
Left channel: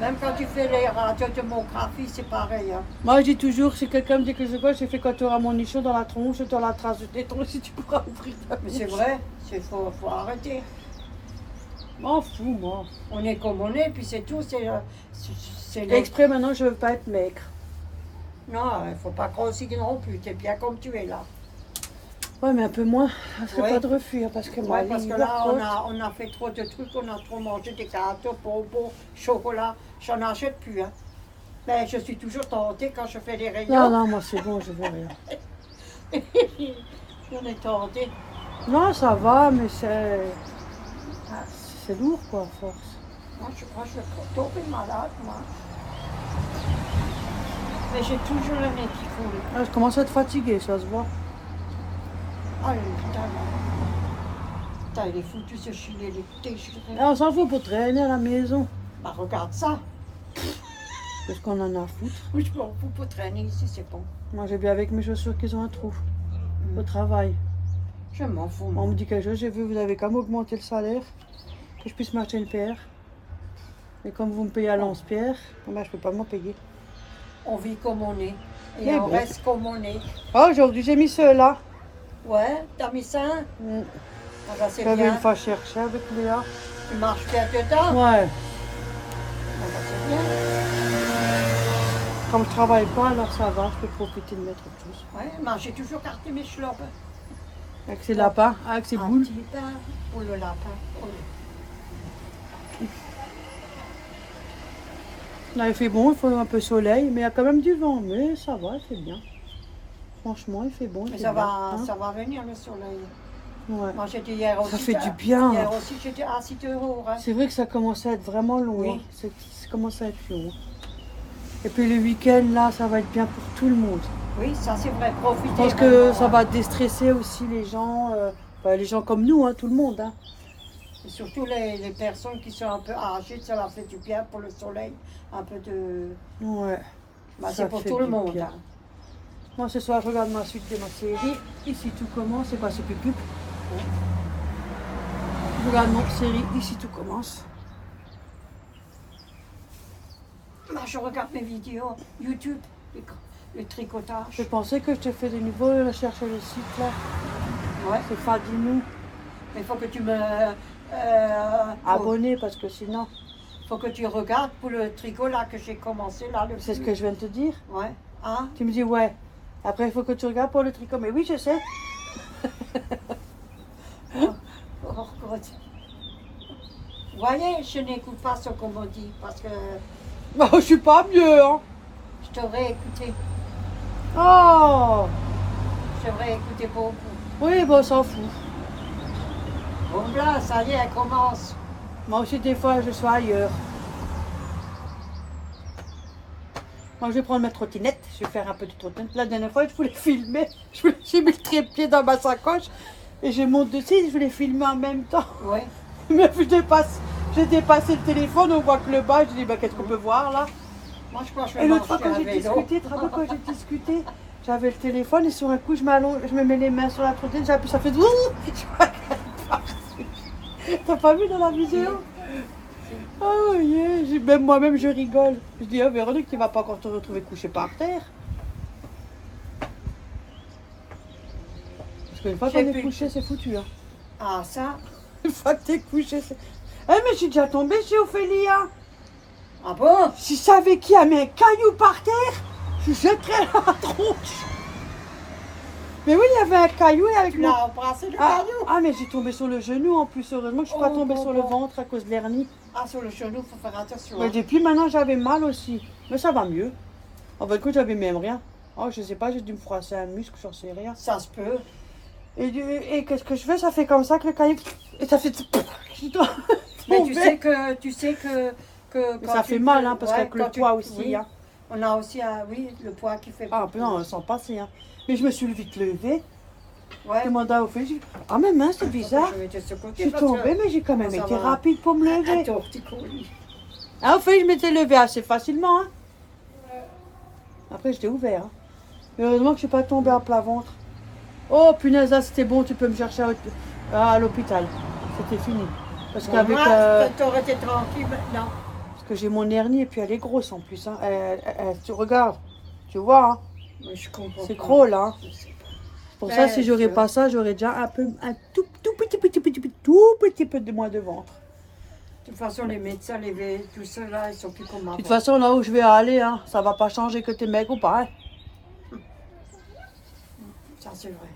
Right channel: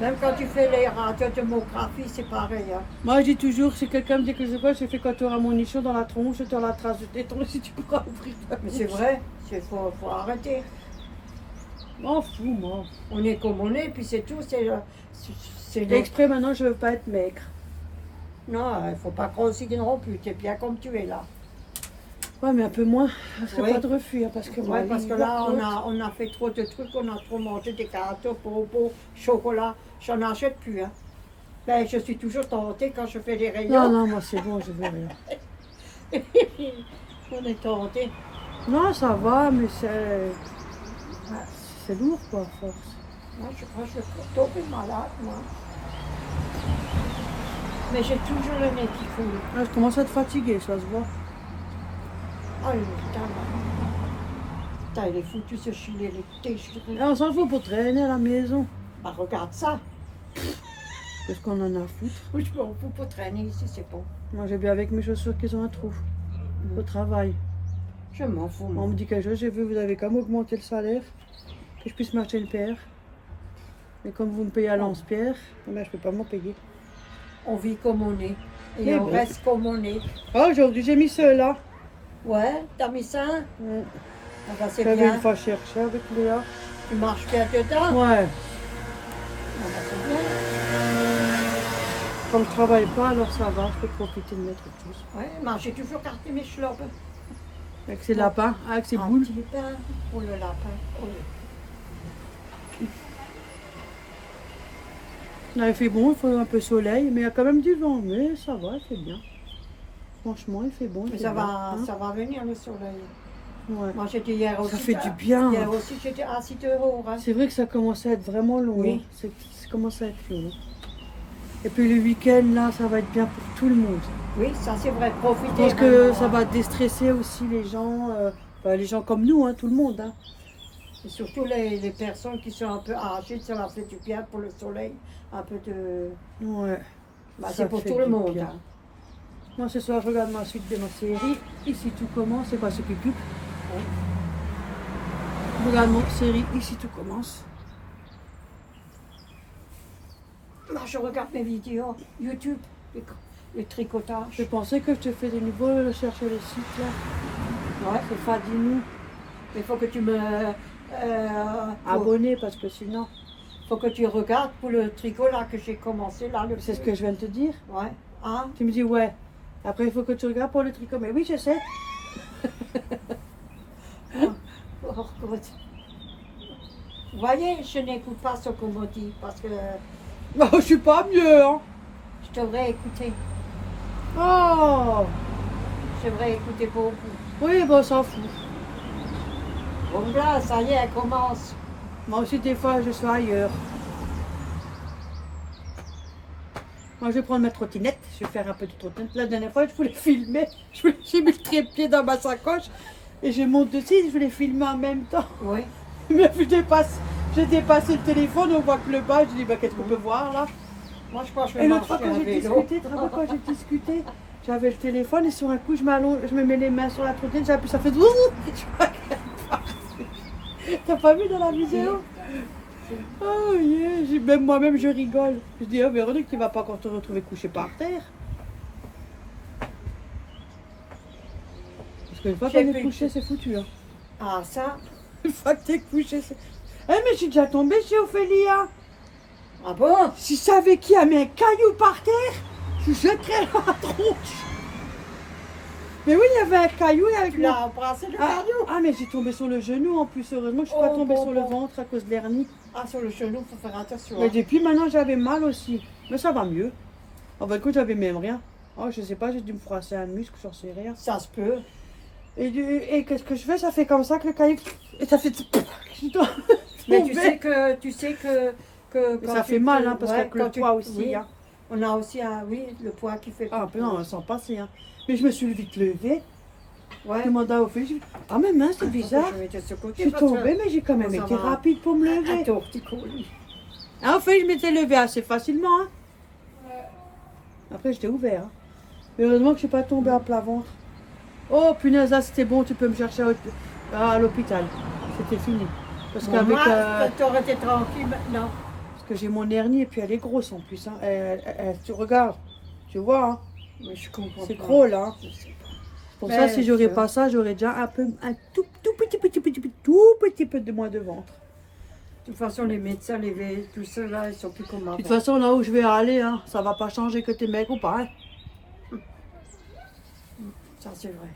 Même quand tu fais les radiothomographie, c'est pareil. Hein. Moi, je dis toujours, si quelqu'un me dit que je vois, j'ai fait quand tu auras mon nichon dans la tronche, dans la trace de tes tronches, si tu pourras ouvrir ta Mais c'est vrai, il faut arrêter. M'en fous, moi. On est comme on est, puis c'est tout. C'est notre- Exprès, maintenant, je veux pas être maigre. Non, il ne faut pas grossir non plus. Tu es bien comme tu es là. Ouais, mais un peu moins. C'est Oui. pas de refus, hein, parce que moi, Ouais, parce que les là, hivers, on a fait trop de trucs, on a trop mangé des gâteaux, bonbons, chocolat. J'en achète plus. Hein. Ben, je suis toujours tentée quand je fais les Non, rayons. non, moi, c'est bon, je veux rien. On est tentée. Non, ça va, mais c'est lourd, quoi, à force. Moi, je crois que je vais tomber malade, moi. Mais j'ai toujours le nez qui coule. Ah, je commence à être fatiguée, ça se voit. Ah, putain, là. Putain, il est foutu ce gilet, il est déchiré. Ah, on s'en fout pour traîner à la maison. Bah, regarde ça. Qu'est-ce qu'on en a à foutre? Oui, je m'en fous pour traîner ici, c'est bon. Moi, j'ai bien avec mes chaussures qu'ils ont un trou. Au travail. Je m'en fous, On moi. me dit quelque chose, j'ai vu, vous avez qu'à m'augmenter le salaire, que je puisse m'acheter une paire. Mais comme vous me payez à lance-pierre, ben, je peux pas m'en payer. On vit comme on est. Et Mais on bon. reste comme on est. Ah, aujourd'hui, j'ai mis ceux-là. Ouais, t'as mis ça? Ah bah, c'est J'avais bien. une fois chercher avec Léa. Tu marches bien dedans? Ouais. Ah bah, c'est bien. Comme je travaille pas, alors ça va, je peux profiter de mettre plus. Ouais, moi, j'ai toujours gardé mes chlopes. Avec ses lapins, avec ses Un boules. petit pain pour le lapin. Oh, Là, il fait bon, il faut un peu de soleil, mais il y a quand même du vent. Mais ça va, il fait bien. Franchement, il fait bon. il mais fait ça bien, va, hein. ça va venir le soleil. Ouais. Moi, j'étais hier aussi. Ça fait du bien. Hier aussi, j'étais à 6 €. Hein. C'est vrai que ça commence à être vraiment long. Oui. Hein. Ça commence à être long. Et puis le week-end, là, ça va être bien pour tout le monde. Oui, ça c'est vrai, Je profiter. pense que vraiment, ça hein. va déstresser aussi les gens, les gens comme nous, hein, tout le monde. Hein. Et surtout les personnes qui sont un peu âgées, ça leur fait du bien pour le soleil. Un peu de. Ouais. Bah, Ça c'est pour fait tout le du monde. bien. Hein. Moi, ce soir, je regarde ma suite de ma série. Ici, tout commence. C'est quoi ce pupuk? Oui. Je regarde mon série. Ici, tout commence. Moi, je regarde mes vidéos YouTube, le tricotage. Je pensais que je te fais des nouveaux, chercher les sites là. Ouais. C'est Fadinou. Mais il faut que tu me. Abonné parce que sinon, Faut que tu regardes pour le tricot là que j'ai commencé là. c'est ce que je viens de te dire. Ouais. Hein? Tu me dis ouais. Après, il faut que tu regardes pour le tricot. Mais oui, je sais. Oh, God. Vous voyez, je n'écoute pas ce qu'on me dit parce que Bah, je suis pas mieux, hein. je devrais écouter. Oh. Je devrais écouter beaucoup. Oui, bon, on s'en fout. Bon là, ça y est, elle commence. Moi aussi, des fois, je suis ailleurs. Moi, je vais prendre ma trottinette. Je vais faire un peu de trottinette. La dernière fois, je voulais filmer. J'ai mis le trépied dans ma sacoche. Et je monte dessus. Je voulais filmer en même temps. Oui. Mais j'ai dépassé le téléphone. On voit que le bas. Je dis, bah, qu'est-ce qu'on peut voir là? Moi, je crois que je vais Et l'autre fois, marcher quand à j'ai vélo. discuté, tu te rappelles quand j'ai discuté, j'avais le téléphone et sur un coup, je m'allonge, je me mets les mains sur la trottinette, j'appuie, ça fait ouh. T'as pas vu dans la vidéo? Oh yeah, même moi-même je rigole. Je dis, oh Véronique, tu vas pas encore te retrouver couché par terre. Parce qu'une fois J'ai qu'on est plus- couché, c'est foutu. Hein. Ah, ça? Une fois que t'es couché, c'est. Eh, mais je suis déjà tombée chez Ophélia. Ah bon? Si je savais qui a mis un caillou par terre, je jetterais la tronche. Mais oui, il y avait un caillou et avec Tu mon... l'as embrassé le Ah, caillou? ah, mais j'ai tombé sur le genou en plus. Heureusement, je suis pas Oh, tombée bon, sur le bon. ventre à cause de l'hernie. Ah, sur le genou, faut faire attention. Mais Hein. depuis maintenant, j'avais mal aussi. Mais ça va mieux. En fait, écoute, j'avais même rien. Oh, je sais pas, j'ai dû me froisser un muscle, j'en sais rien. Ça se peut. Et qu'est-ce que je fais? Ça fait comme ça que le caillou. Et ça fait. Mais tu sais que Mais ça fait mal, hein, parce qu'avec le quand poids aussi. oui, Hein. on a aussi, oui, le poids qui fait. Ah, non, on s'en passer. Hein. Mais je me suis vite levée. Ouais. Je demande à Ophélie, je dis, ah, mais mince, c'est bizarre. Je vais de ce Je côté. suis parce que tombée, mais j'ai quand même ça été va. rapide pour me Un lever. torticolis. Ah, Ophélie, je m'étais levée assez facilement. Hein. Après, j'étais ouvert. Hein. Mais heureusement que je suis pas tombée à plat ventre. Oh, punaise, là, c'était bon, tu peux me chercher à l'hôpital. C'était fini. Parce qu'avec Moi, t'aurais été tranquille maintenant. parce que j'ai mon hernie et puis elle est grosse en plus. Hein. Tu regardes, tu vois, hein. Mais je comprends C'est pas. gros là. Hein. Je sais pas. Pour Ben, ça, si j'aurais tu pas ça, j'aurais déjà un tout petit peu de moins de ventre. De toute façon, les médecins, tout ceux là, ils sont plus comme De avant. toute façon, là où je vais aller, hein, ça va pas changer que t'es mec ou pas. Hein. Ça, c'est vrai.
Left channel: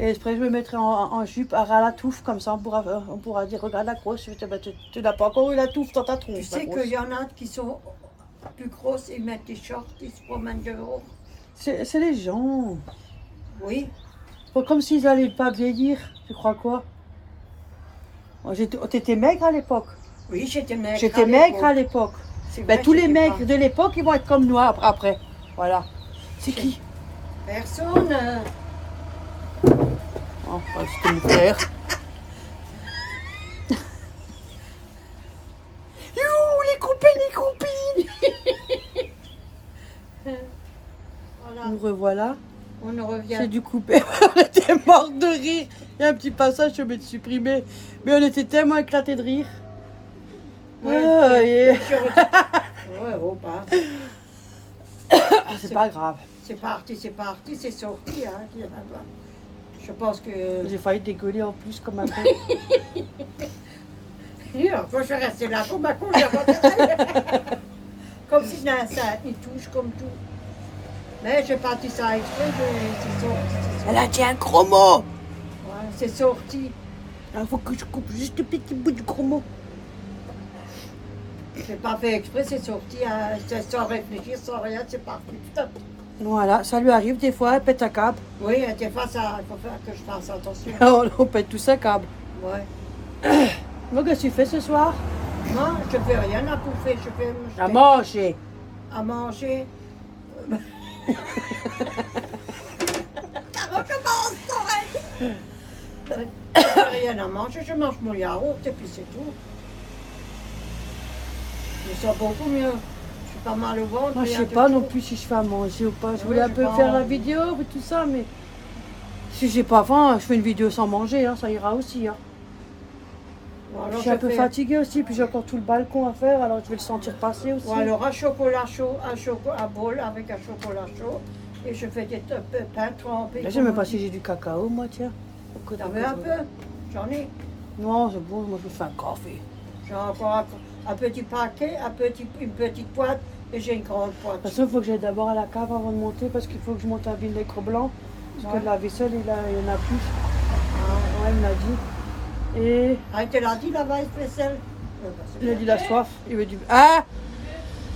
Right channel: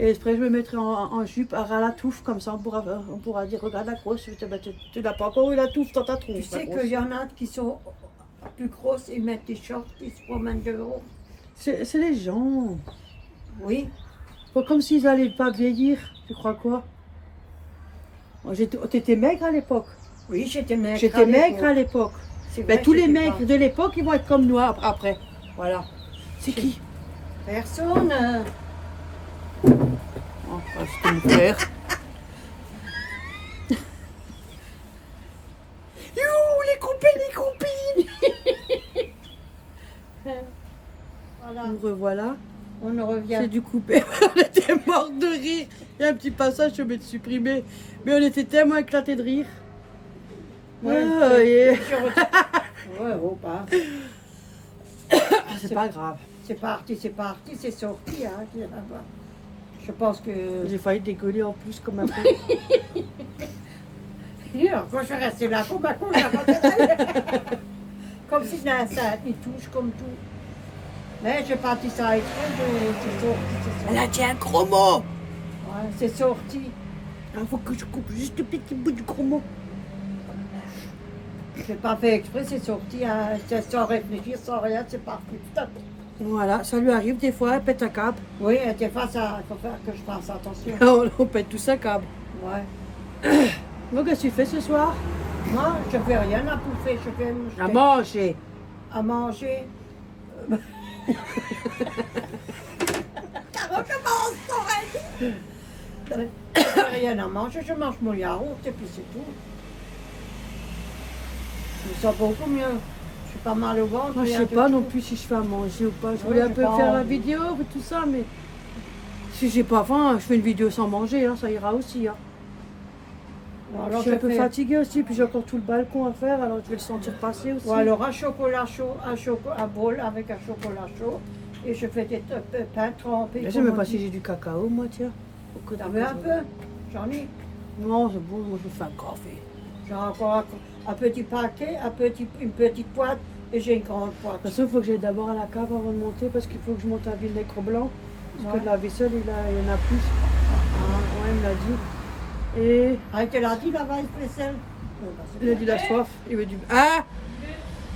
Et après, je me mettrai en jupe à ras la touffe, comme ça on pourra dire, regarde la grosse, tu n'as pas encore eu la touffe dans ta tronche. Tu sais la grosse. qu'il y en a qui sont plus grosses, ils mettent des shorts, ils se promènent dehors. C'est les gens. Oui. C'est pas comme s'ils allaient pas vieillir, tu crois quoi? T'étais maigre à l'époque. Oui, j'étais maigre. J'étais maigre à l'époque. C'est Ben, vrai, tous les j'étais maigres pas- de l'époque, ils vont être comme nous après. Voilà. C'est qui? Personne. Oh, c'était mon frère. Les copines! Voilà. Nous revoilà. On en revient. C'est du coupé. On était mort de rire. Il y a un petit passage, je vais te supprimer. Mais on était tellement éclatés de rire. Ouais, ouais, oh, pas. C'est pas grave. C'est parti, c'est sorti. Hein, qu'il y en a pas. Je pense que. J'ai failli dégueuler en plus comme un con. Quand je suis restée là, comme un con, j'ai comme si ça il touche comme tout. Mais j'ai parti ça exprès, c'est sorti. Elle a dit un gros mot. Ouais, c'est sorti. Il faut que je coupe juste un petit bout du gros mot. J'ai pas fait exprès, c'est sorti hein, sans réfléchir, sans rien, c'est parti. Top. Voilà, ça lui arrive des fois, elle pète un câble. Oui, des fois, il faut faire que je fasse attention. On pète tous un câble. Ouais. Donc, qu'est-ce que tu fais ce soir? Moi, je fais rien à bouffer, je fais À manger. à manger. Je fais rien à manger, je mange mon yaourt et puis c'est tout. Je me sens beaucoup mieux. Je suis pas mal au ventre. Moi, je rien sais du pas tout. non plus si je fais à manger ou pas. Je Ouais, voulais un j'ai peu pas faire la envie. vidéo et tout ça, mais si j'ai pas faim, je fais une vidéo sans manger, hein, ça ira aussi. Hein. Ou Je alors, suis un peu fais- fatiguée aussi, puis j'ai encore tout le balcon à faire, alors je vais le sentir passer aussi. ou alors un chocolat chaud, un bol avec un chocolat chaud. Et je fais des pains trempés. Je sais même pas si j'ai du cacao, moi, tiens. T'en veux un peu? J'en ai. Non, c'est bon, moi je vais faire un café. J'ai encore un petit paquet, une petite boîte et j'ai une grande De boîte. toute façon, il faut que j'aille d'abord à la cave avant de monter, parce qu'il faut que je monte un vinaigre blanc. Parce Ouais. que de la vaisselle, il y en a plus. Ah, ouais, il me l'a dit. Et Ah, il te l'a dit la vaisselle? il a dit la soif. Il me dit ah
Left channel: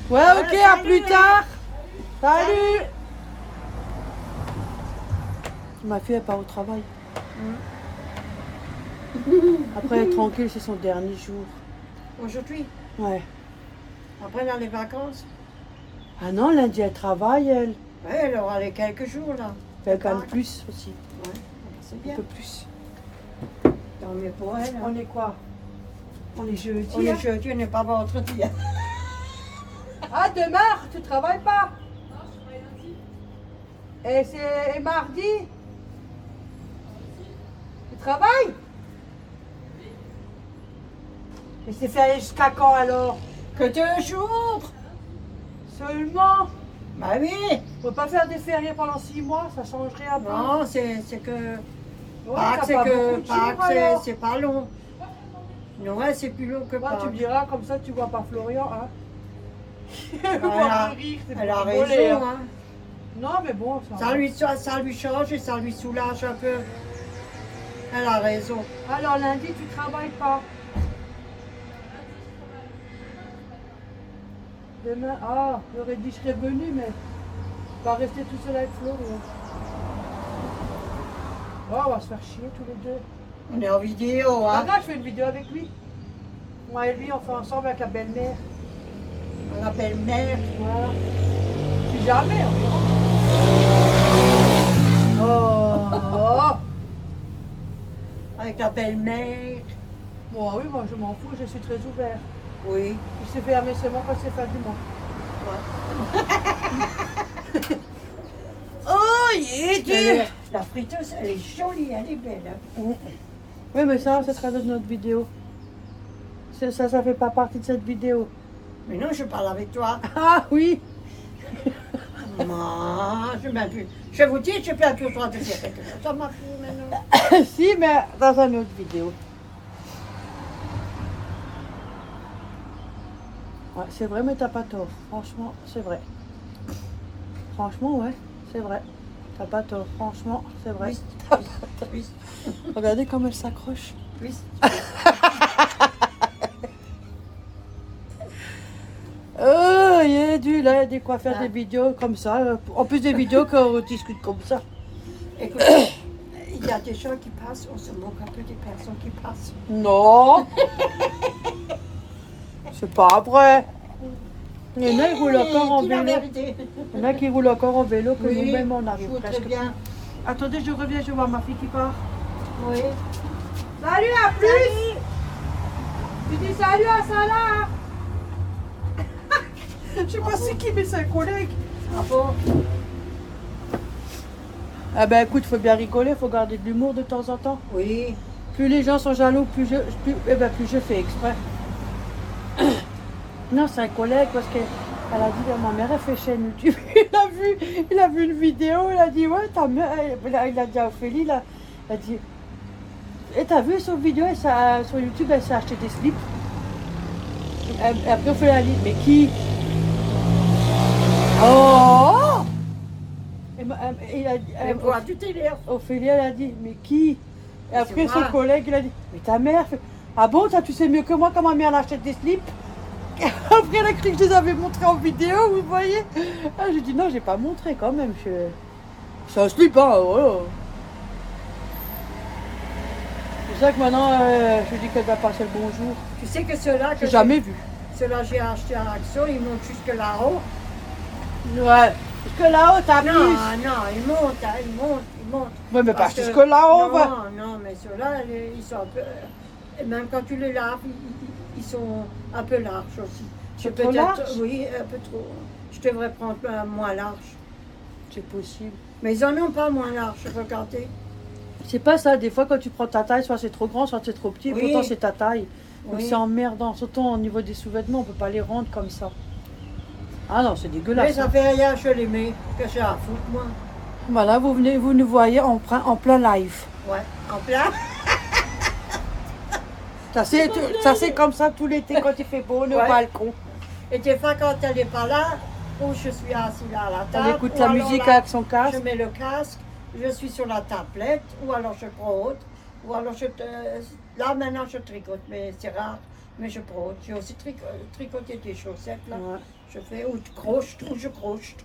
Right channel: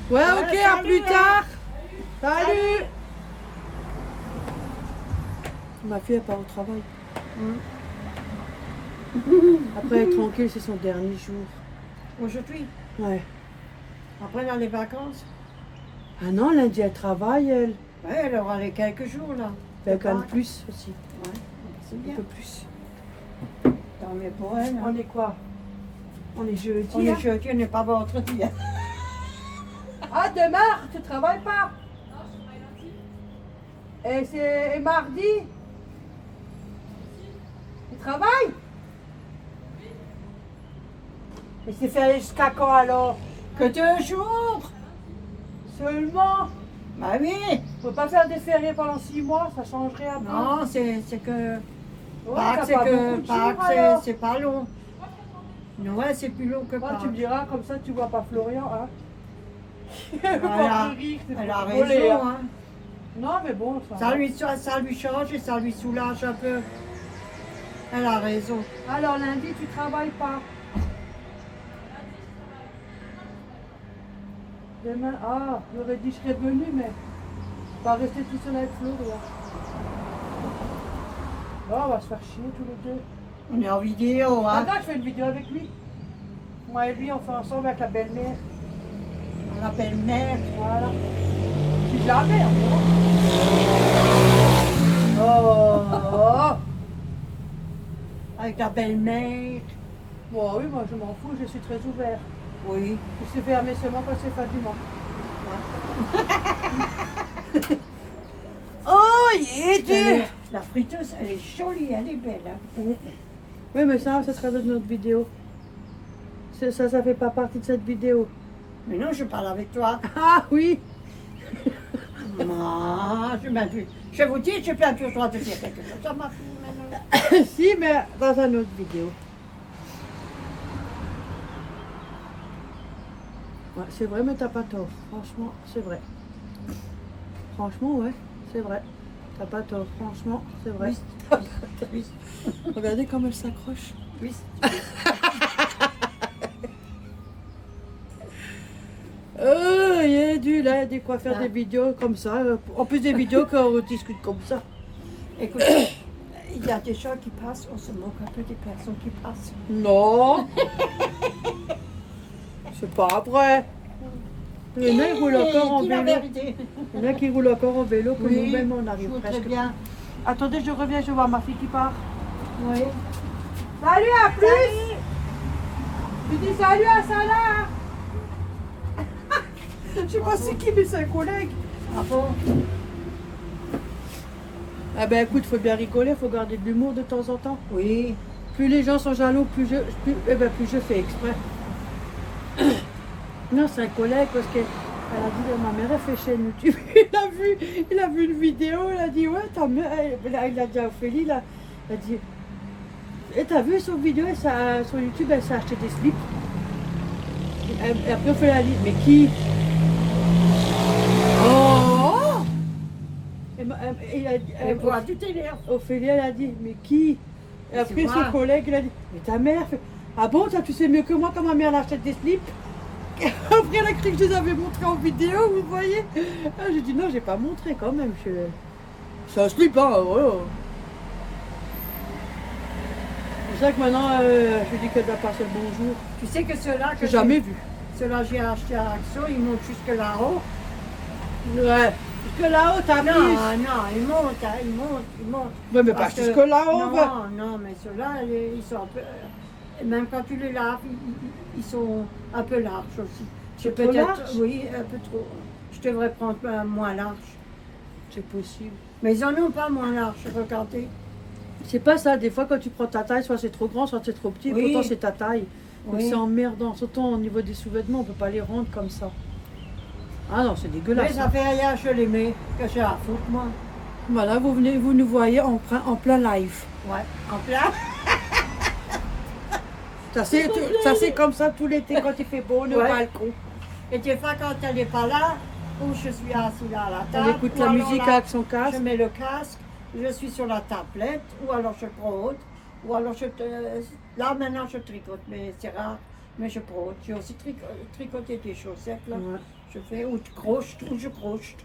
ouais, Ouais, ok, à salut. plus tard. Salut. Ma fille, elle part au travail. Après, elle est tranquille, c'est son dernier jour. Aujourd'hui, Ouais. après dans les vacances, Ah non, lundi, elle travaille, elle. ouais, elle aura les quelques jours là. Elle gagne plus aussi. Ouais, c'est Un bien. peu plus. Tant mieux pour elle. hein. On est quoi? On est jeudi. On est jeudi, on n'est pas vendredi. hein. Ah, demain, tu travailles pas? Et c'est mardi? Tu travailles? Mais c'est fait jusqu'à quand alors? Que 2 jours? Seulement? Bah oui. Faut pas faire des fériés pendant 6 mois, ça changerait un peu. Non, c'est que. Ouais, Pâques, t'as c'est pas que. beaucoup de jours, Pâques, alors. c'est pas long. Non, ouais, c'est plus long que Ouais, Pâques. tu me diras, comme ça tu vois pas Florian, hein. Elle Faut a, pas rire, c'est elle a pour rigoler, raison. hein. Hein. Non, mais bon, Ça lui change et ça lui soulage un peu. Elle a raison. Alors lundi, tu travailles pas. Demain, ah, j'aurais dit je serais venue, mais pas rester tout seul avec Florian. Oh, on va se faire chier tous les deux. On est en vidéo, Ah, hein. non, je fais une vidéo avec lui. Moi et lui, on fait ensemble avec la belle-mère. On appelle mère. Voilà. Si jamais, on verra. Oh, Avec la belle-mère. Bon, oui, moi je m'en fous, je suis très ouvert. Oui. Je sais fermer seulement quand c'est fin du mois. Oh, yeah, La friteuse, elle est jolie, elle est belle. Hein. Oui, mais ça sera dans notre vidéo. Ça fait pas partie de cette vidéo. Mais non, je parle avec toi. Ah oui. Moi, je m'en plus. Je vous dis, je peux plus le droit de dire quelque chose. Ça m'a fou maintenant. Si, mais dans une autre vidéo. Ouais, c'est vrai, mais t'as pas tort. Franchement, c'est vrai. Franchement, ouais, c'est vrai. T'as pas tort. Franchement, c'est vrai. Oui. T'as pas tort. Oui. Regardez comme elle s'accroche. Oui. Il est dû là, de quoi faire Ah. des vidéos comme ça. En plus des vidéos qu'on discute comme ça. Écoute, il y a des gens qui passent, on se moque un peu des personnes qui passent. Non. C'est pas vrai. Il y en a qui roulent encore en Dis la vélo. vérité. Il y en a qui roulent encore en vélo, que Oui, nous-mêmes on je arrive voudrais presque. bien. Attendez, je reviens, je vois ma fille qui part. Oui. Salut, à plus. Tu dis salut à Salah. Je sais pas c'est qui, mais c'est un collègue. Ah bon? Ah ben écoute, faut bien rigoler, faut garder de l'humour de temps en temps. Oui. Plus les gens sont jaloux, plus je fais exprès. Non, c'est un collègue parce que elle a dit, ma mère elle fait chaîne YouTube. Il a vu une vidéo, il a dit, ouais, ta mère, il a dit à Ophélie, là, il a dit, et t'as vu sur vidéo, sur YouTube, elle s'est acheté des slips. Après Ophélie a dit, mais qui? Oh! Elle boit du télé. Ophélie, elle a dit, mais qui? Et Mais après, c'est son moi. collègue, il a dit, mais ta mère fait, ah bon, ça, tu sais mieux que moi comment ma mère elle achète des slips? Après, elle a cru que je les avais montrés en vidéo, vous voyez? Ah, j'ai dit, non, j'ai pas montré quand même. C'est un slip, hein, voilà. C'est ça que maintenant, je dis qu'elle doit passer le bonjour. Tu sais que ceux-là que J'ai jamais vu. ceux-là j'ai acheté à Action, ils montent jusque là-haut. Ouais. Parce que là-haut, t'as plus. Non, ils montent, hein, ils montent. Ouais, mais pas Parce que- jusque là-haut, non, va. non, mais ceux-là, ils sont un peu. Et même quand tu les laves, ils sont un peu larges aussi. C'est trop large? Oui, un peu trop. Je devrais prendre un moins large. C'est possible. Mais ils en ont pas moins large, regardez. C'est pas ça, des fois quand tu prends ta taille, soit c'est trop grand, soit c'est trop petit, Oui. pourtant c'est ta taille. Donc Oui. c'est emmerdant, surtout au niveau des sous-vêtements, on peut pas les rendre comme ça. Ah non, c'est Mais dégueulasse. ça fait rien, je les mets. Que j'ai à foutre, moi. Voilà, vous nous voyez en plein live. Ouais, en plein. Ça c'est comme ça tout l'été quand il fait beau, le Ouais. balcon. Et des fois, quand elle n'est pas là, ou je suis assis là à la On table, écoute ou la alors musique là, avec son je casque. mets le casque, je suis sur la tablette, ou alors je brode, ou alors là maintenant je tricote, mais c'est rare, mais je brode. J'ai aussi tricoté des chaussettes là, Ouais. je fais, ou je croche.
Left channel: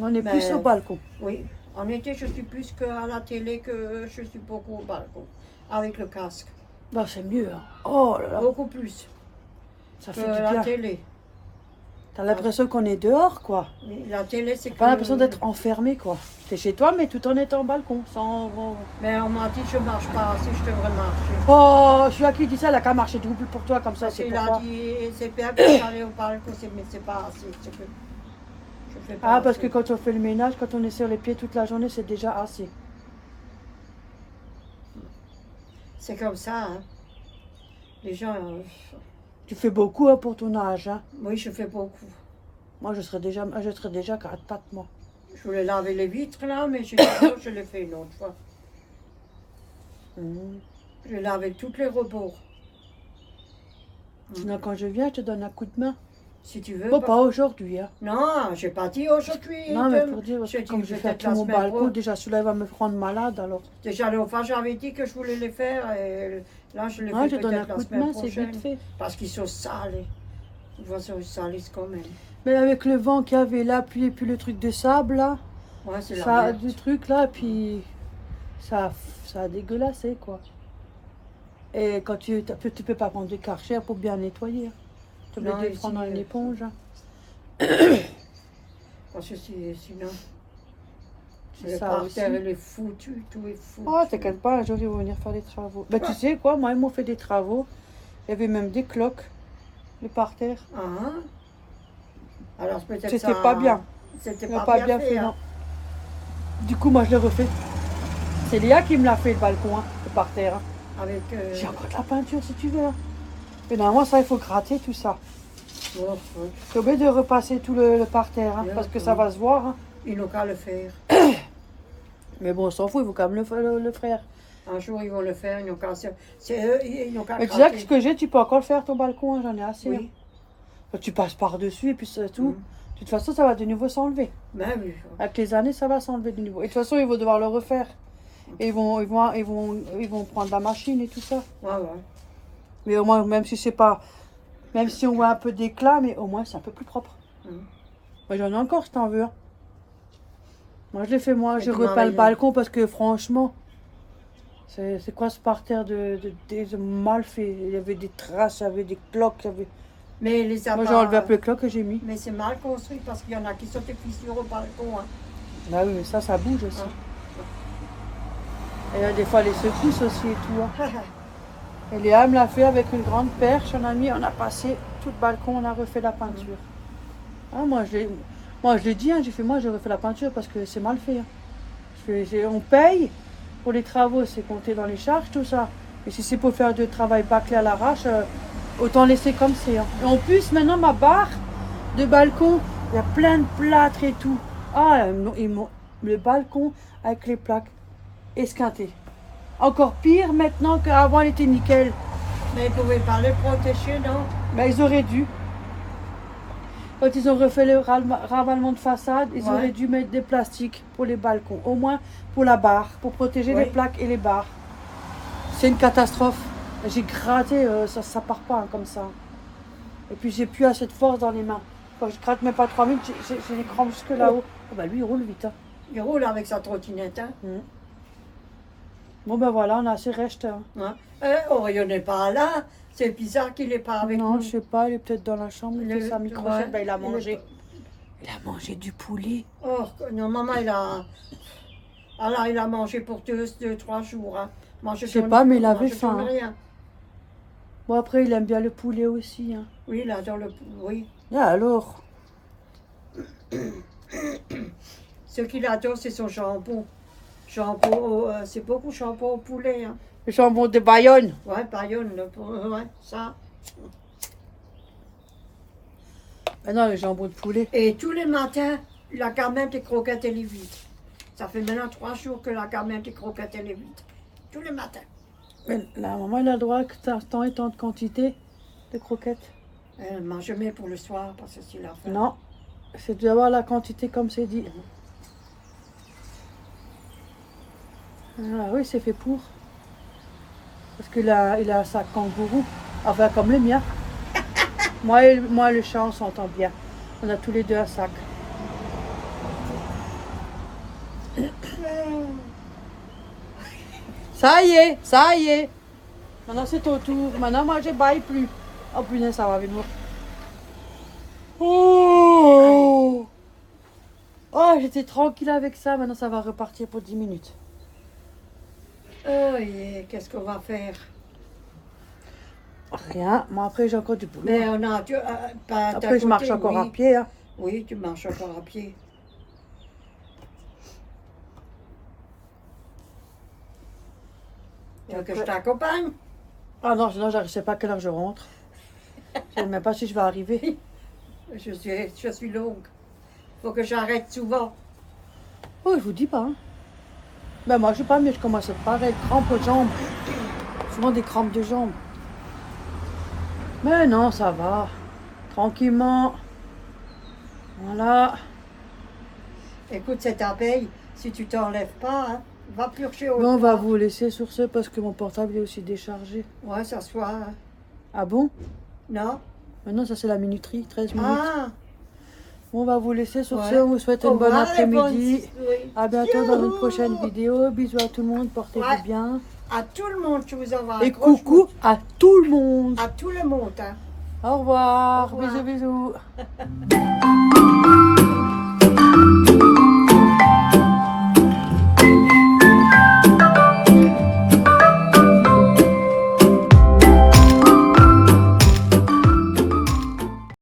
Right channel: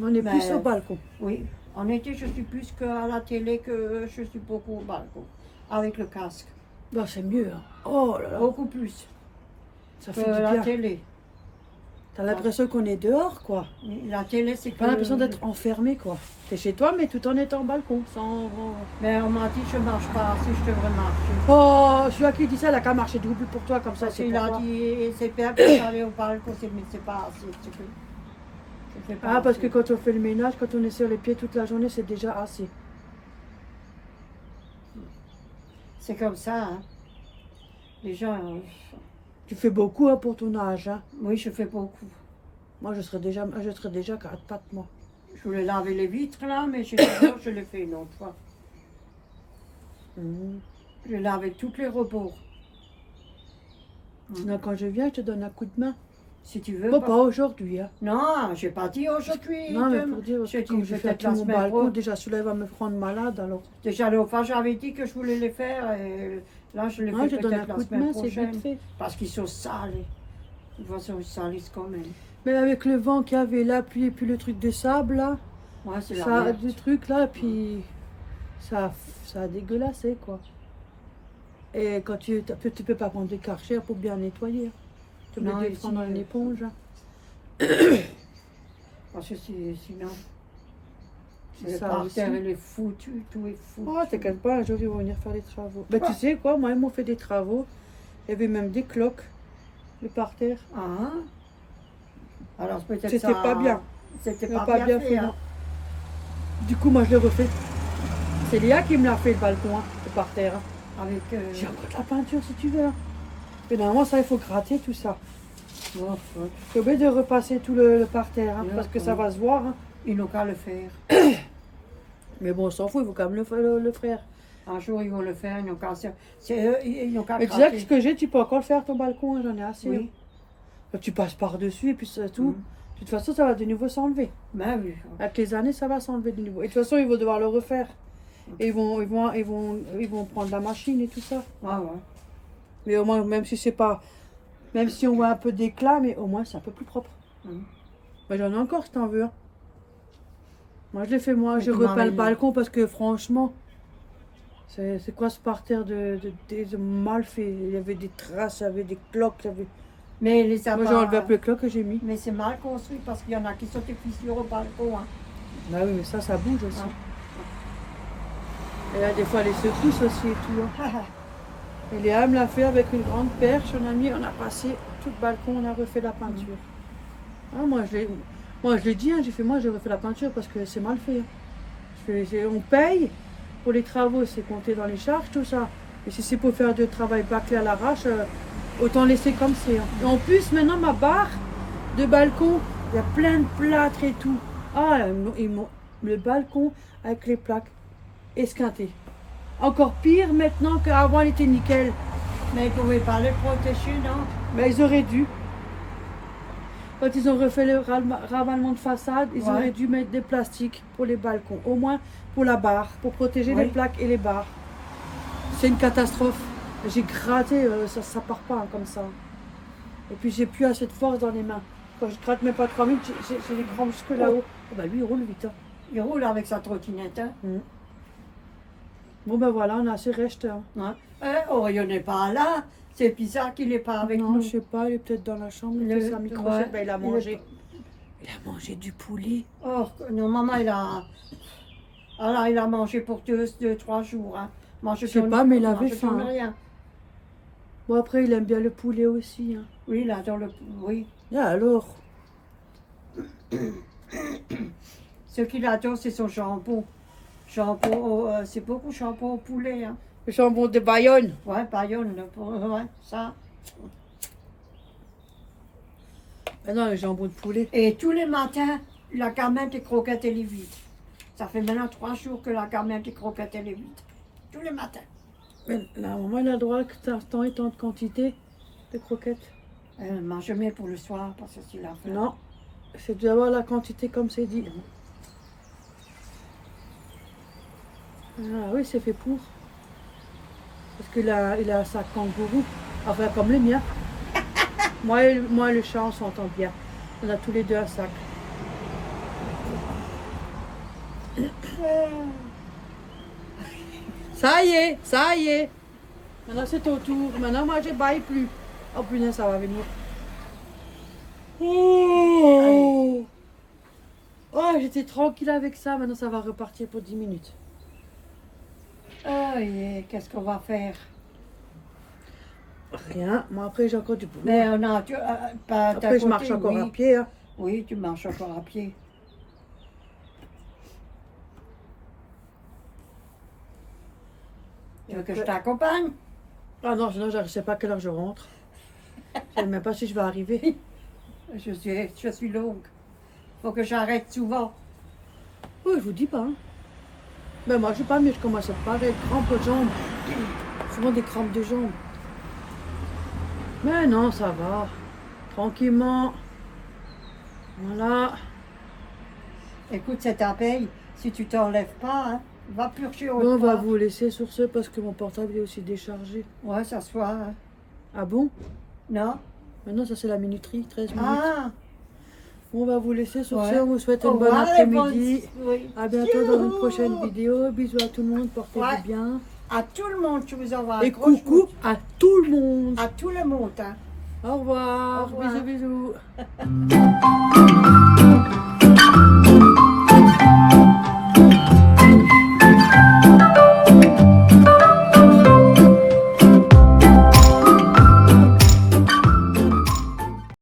On est Mais- plus au balcon. Oui, en été je suis plus qu'à la télé que je suis beaucoup au balcon, avec le casque, Bah, c'est mieux. Hein. Oh là là, beaucoup plus ça que fait du la bien. télé. T'as l'impression qu'on est dehors, quoi. Mais la télé c'est que... T'as l'impression d'être enfermé, quoi. T'es chez toi, mais tout en étant au balcon. Sans... Mais on m'a dit que je marche pas assez, je devrais marcher. Oh, je suis à qui dit ça, elle a qu'à marcher double pour toi, comme ça, Parce c'est qu'il a pourquoi. dit, c'est bien que j'allais au balcon, mais c'est pas assez. C'est que je fais pas Ah, parce que assez. quand on fait le ménage, quand on est sur les pieds toute la journée, c'est déjà assez. C'est comme ça, hein. Les gens, Tu fais beaucoup hein, pour ton âge. Hein. oui, je fais beaucoup. Moi, je serais déjà 4 pattes, moi. Je voulais laver les vitres là, mais j'ai dit non, je l'ai fait une autre fois. Mmh. Je lavais tous les rebords. Sinon, quand je viens, je te donne un coup de main. Si tu veux. Bon, pas aujourd'hui. Hein. Non, j'ai pas dit aujourd'hui. Non, mais pour dire, parce J'ai que comme dit je fais peut-être tout la mon semaine balcon, pro. déjà, celui-là va me prendre malade, alors. Déjà, l'autre fois, j'avais dit que je voulais les faire. Et là, je les Ouais, fais je donne un peut-être la coup de semaine main, c'est prochaine. vite fait. Parce qu'ils sont salés. De toute façon, ils salissent quand même. Mais avec le vent qu'il y avait là, puis le truc de sable, là, Ouais, c'est la ça, merde. du truc là, puis ça a dégueulassé, quoi. Et quand tu peux pas prendre des karchers pour bien nettoyer. Tu Non, peux ici, prendre une éponge. Hein. Parce que sinon, C'est le ça parterre, aussi. il est foutu, tout est foutu. Oh, t'inquiète pas, je vais venir faire les travaux. Ben, tu sais quoi, moi, ils m'ont fait des travaux. Il y avait même des cloques, les parterres. Ah. Alors peut-être C'était ça... pas bien. C'était Ils n'ont pas, bien fait. non. Hein. Du coup, moi, je l'ai refait. C'est Léa qui me l'a fait, le balcon, hein, le parterre. Hein. Avec... J'ai encore de la peinture, si tu veux. Hein. Et normalement, ça, il faut gratter tout ça. Oh, ouais. Je suis obligée de repasser tout le parterre, hein, Ouais, parce que ouais. ça va se voir. Hein. Ils n'ont qu'à le faire. Mais bon, on s'en fout, il faut quand même le faire. Un jour, ils vont le faire. Ils n'ont qu'à... C'est eux, ils n'ont qu'à Mais tu sais que craquer. ce que j'ai, tu peux encore faire ton balcon, hein, j'en ai assez. Oui. Hein. Tu passes par-dessus et puis c'est tout. Mm. De toute façon, ça va de nouveau s'enlever. Ben oui. Avec les années, ça va s'enlever de nouveau. Et de toute façon, ils vont devoir le refaire. Et ils vont prendre la machine et tout ça. Ouais, ouais. Mais au moins, même si c'est pas... Même si on voit un peu d'éclat, mais au moins, c'est un peu plus propre. Mm. Moi, j'en ai encore, si t'en veux. Hein. Moi, je l'ai fait, moi. Mais J'ai comment repeint le elle- balcon parce que, franchement... C'est quoi ce parterre de mal fait? Il y avait des traces, il y avait des cloques, il y avait... Mais les Moi, j'ai enlevé un peu les cloques que j'ai mis. Mais c'est mal construit parce qu'il y en a qui sont des fissures au balcon. Hein. Bah oui, mais ça bouge aussi. Ouais. Et il y a des fois les secousses aussi et tout. Hein. Et Léa me l'a fait avec une grande perche, on a passé tout le balcon, on a refait la peinture. Ah, moi je l'ai dit, hein, j'ai fait moi j'ai refait la peinture parce que c'est mal fait. Hein. On paye pour les travaux, c'est compté dans les charges, tout ça. Et si c'est pour faire du travail bâclé à l'arrache, autant laisser comme c'est. Hein. Et en plus, maintenant, ma barre de balcon, il y a plein de plâtre et tout. Ah, le balcon avec les plaques esquintées. Encore pire maintenant qu'avant, elle était nickel. Mais ils ne pouvaient pas le protéger, non? Ben, ils auraient dû. Quand ils ont refait le ravalement de façade, ils Ouais. auraient dû mettre des plastiques pour les balcons. Au moins pour la barre, pour protéger Oui. les plaques et les barres. C'est une catastrophe. J'ai gratté, ça part pas hein, comme ça. Et puis j'ai plus assez de force dans les mains. Quand je gratte même pas 3 minutes, j'ai les crampes jusque là-haut. Oh, bah lui il roule vite. Hein. Il roule avec sa trottinette. Hein. Bon ben voilà, on a assez resté. Hein. Ouais. Orion n'est pas là. C'est bizarre qu'il n'est pas avec non, nous. je sais pas, il est peut-être dans la chambre, il fait sa microchette, ouais, ben, il a mangé. Il a mangé du poulet. Oh, non, maman, il a... Alors, il a mangé pour 2-3 jours. Hein. Je sais pas, mais il avait faim. Hein. Rien. Bon après il aime bien le poulet aussi. Hein. Oui, il adore le... Oui. Ah, alors. Ce qu'il adore, c'est son jambon. C'est beaucoup jambon au poulet. Hein. Le jambon de Bayonne. Ouais, Bayonne, ouais, ça. Ah non, le jambon de poulet. Et tous les matins, la gamelle des croquettes, elle est vide. Ça fait maintenant 3 jours que la gamelle des croquettes, elle est vide. Tous les matins. Mais la maman, elle a droit que tant et tant de quantité de croquettes. Elle mange jamais pour le soir parce que c'est la faim. Non, c'est dû avoir la quantité comme c'est dit. Ah oui, c'est fait pour. Parce qu'il a un sac kangourou. Enfin, comme le mien. moi et le chat, on s'entend bien. On a tous les deux un sac. Ça y est. Maintenant, c'est ton tour. Maintenant, moi, je baille plus. Oh, punaise, ça va venir. Oh, j'étais tranquille avec ça. Maintenant, ça va repartir pour 10 minutes. Oh, et qu'est-ce qu'on va faire? Rien. Moi, après, j'ai encore du boulot. Mais on a... pas Après, je marche encore oui. à pied. Hein. Oui, tu marches encore à pied. Tu veux que je t'accompagne? Ah non, sinon, je ne sais pas à quelle heure je rentre. Je ne sais même pas si je vais arriver. Je suis longue. Faut que j'arrête souvent. Oh, je vous dis pas. Hein. Ben, moi, je sais pas, mais je commence à pareil, crampes aux jambes. Souvent des crampes de jambes. Mais non, ça va. Tranquillement. Voilà. Écoute, c'est ta paye. Si tu t'enlèves pas, hein, va purger Mais au on va soir. vous laisser sur ce parce que mon portable est aussi déchargé. Ouais, ça se voit. Hein. Ah bon? Non? Maintenant, ça c'est la minuterie, 13 minutes. Ah! On va vous laisser sur Ouais. ce. On vous souhaite Au une bonne revoir, les après-midi. bonnes- oui. À bientôt dans une prochaine vidéo. Bisous à tout le monde. Portez-vous Ouais. bien. À tout le monde, je vous envoie un Et gros coucou à tout le monde. À tout le monde. Hein. Au revoir. Au revoir. Bisous, bisous.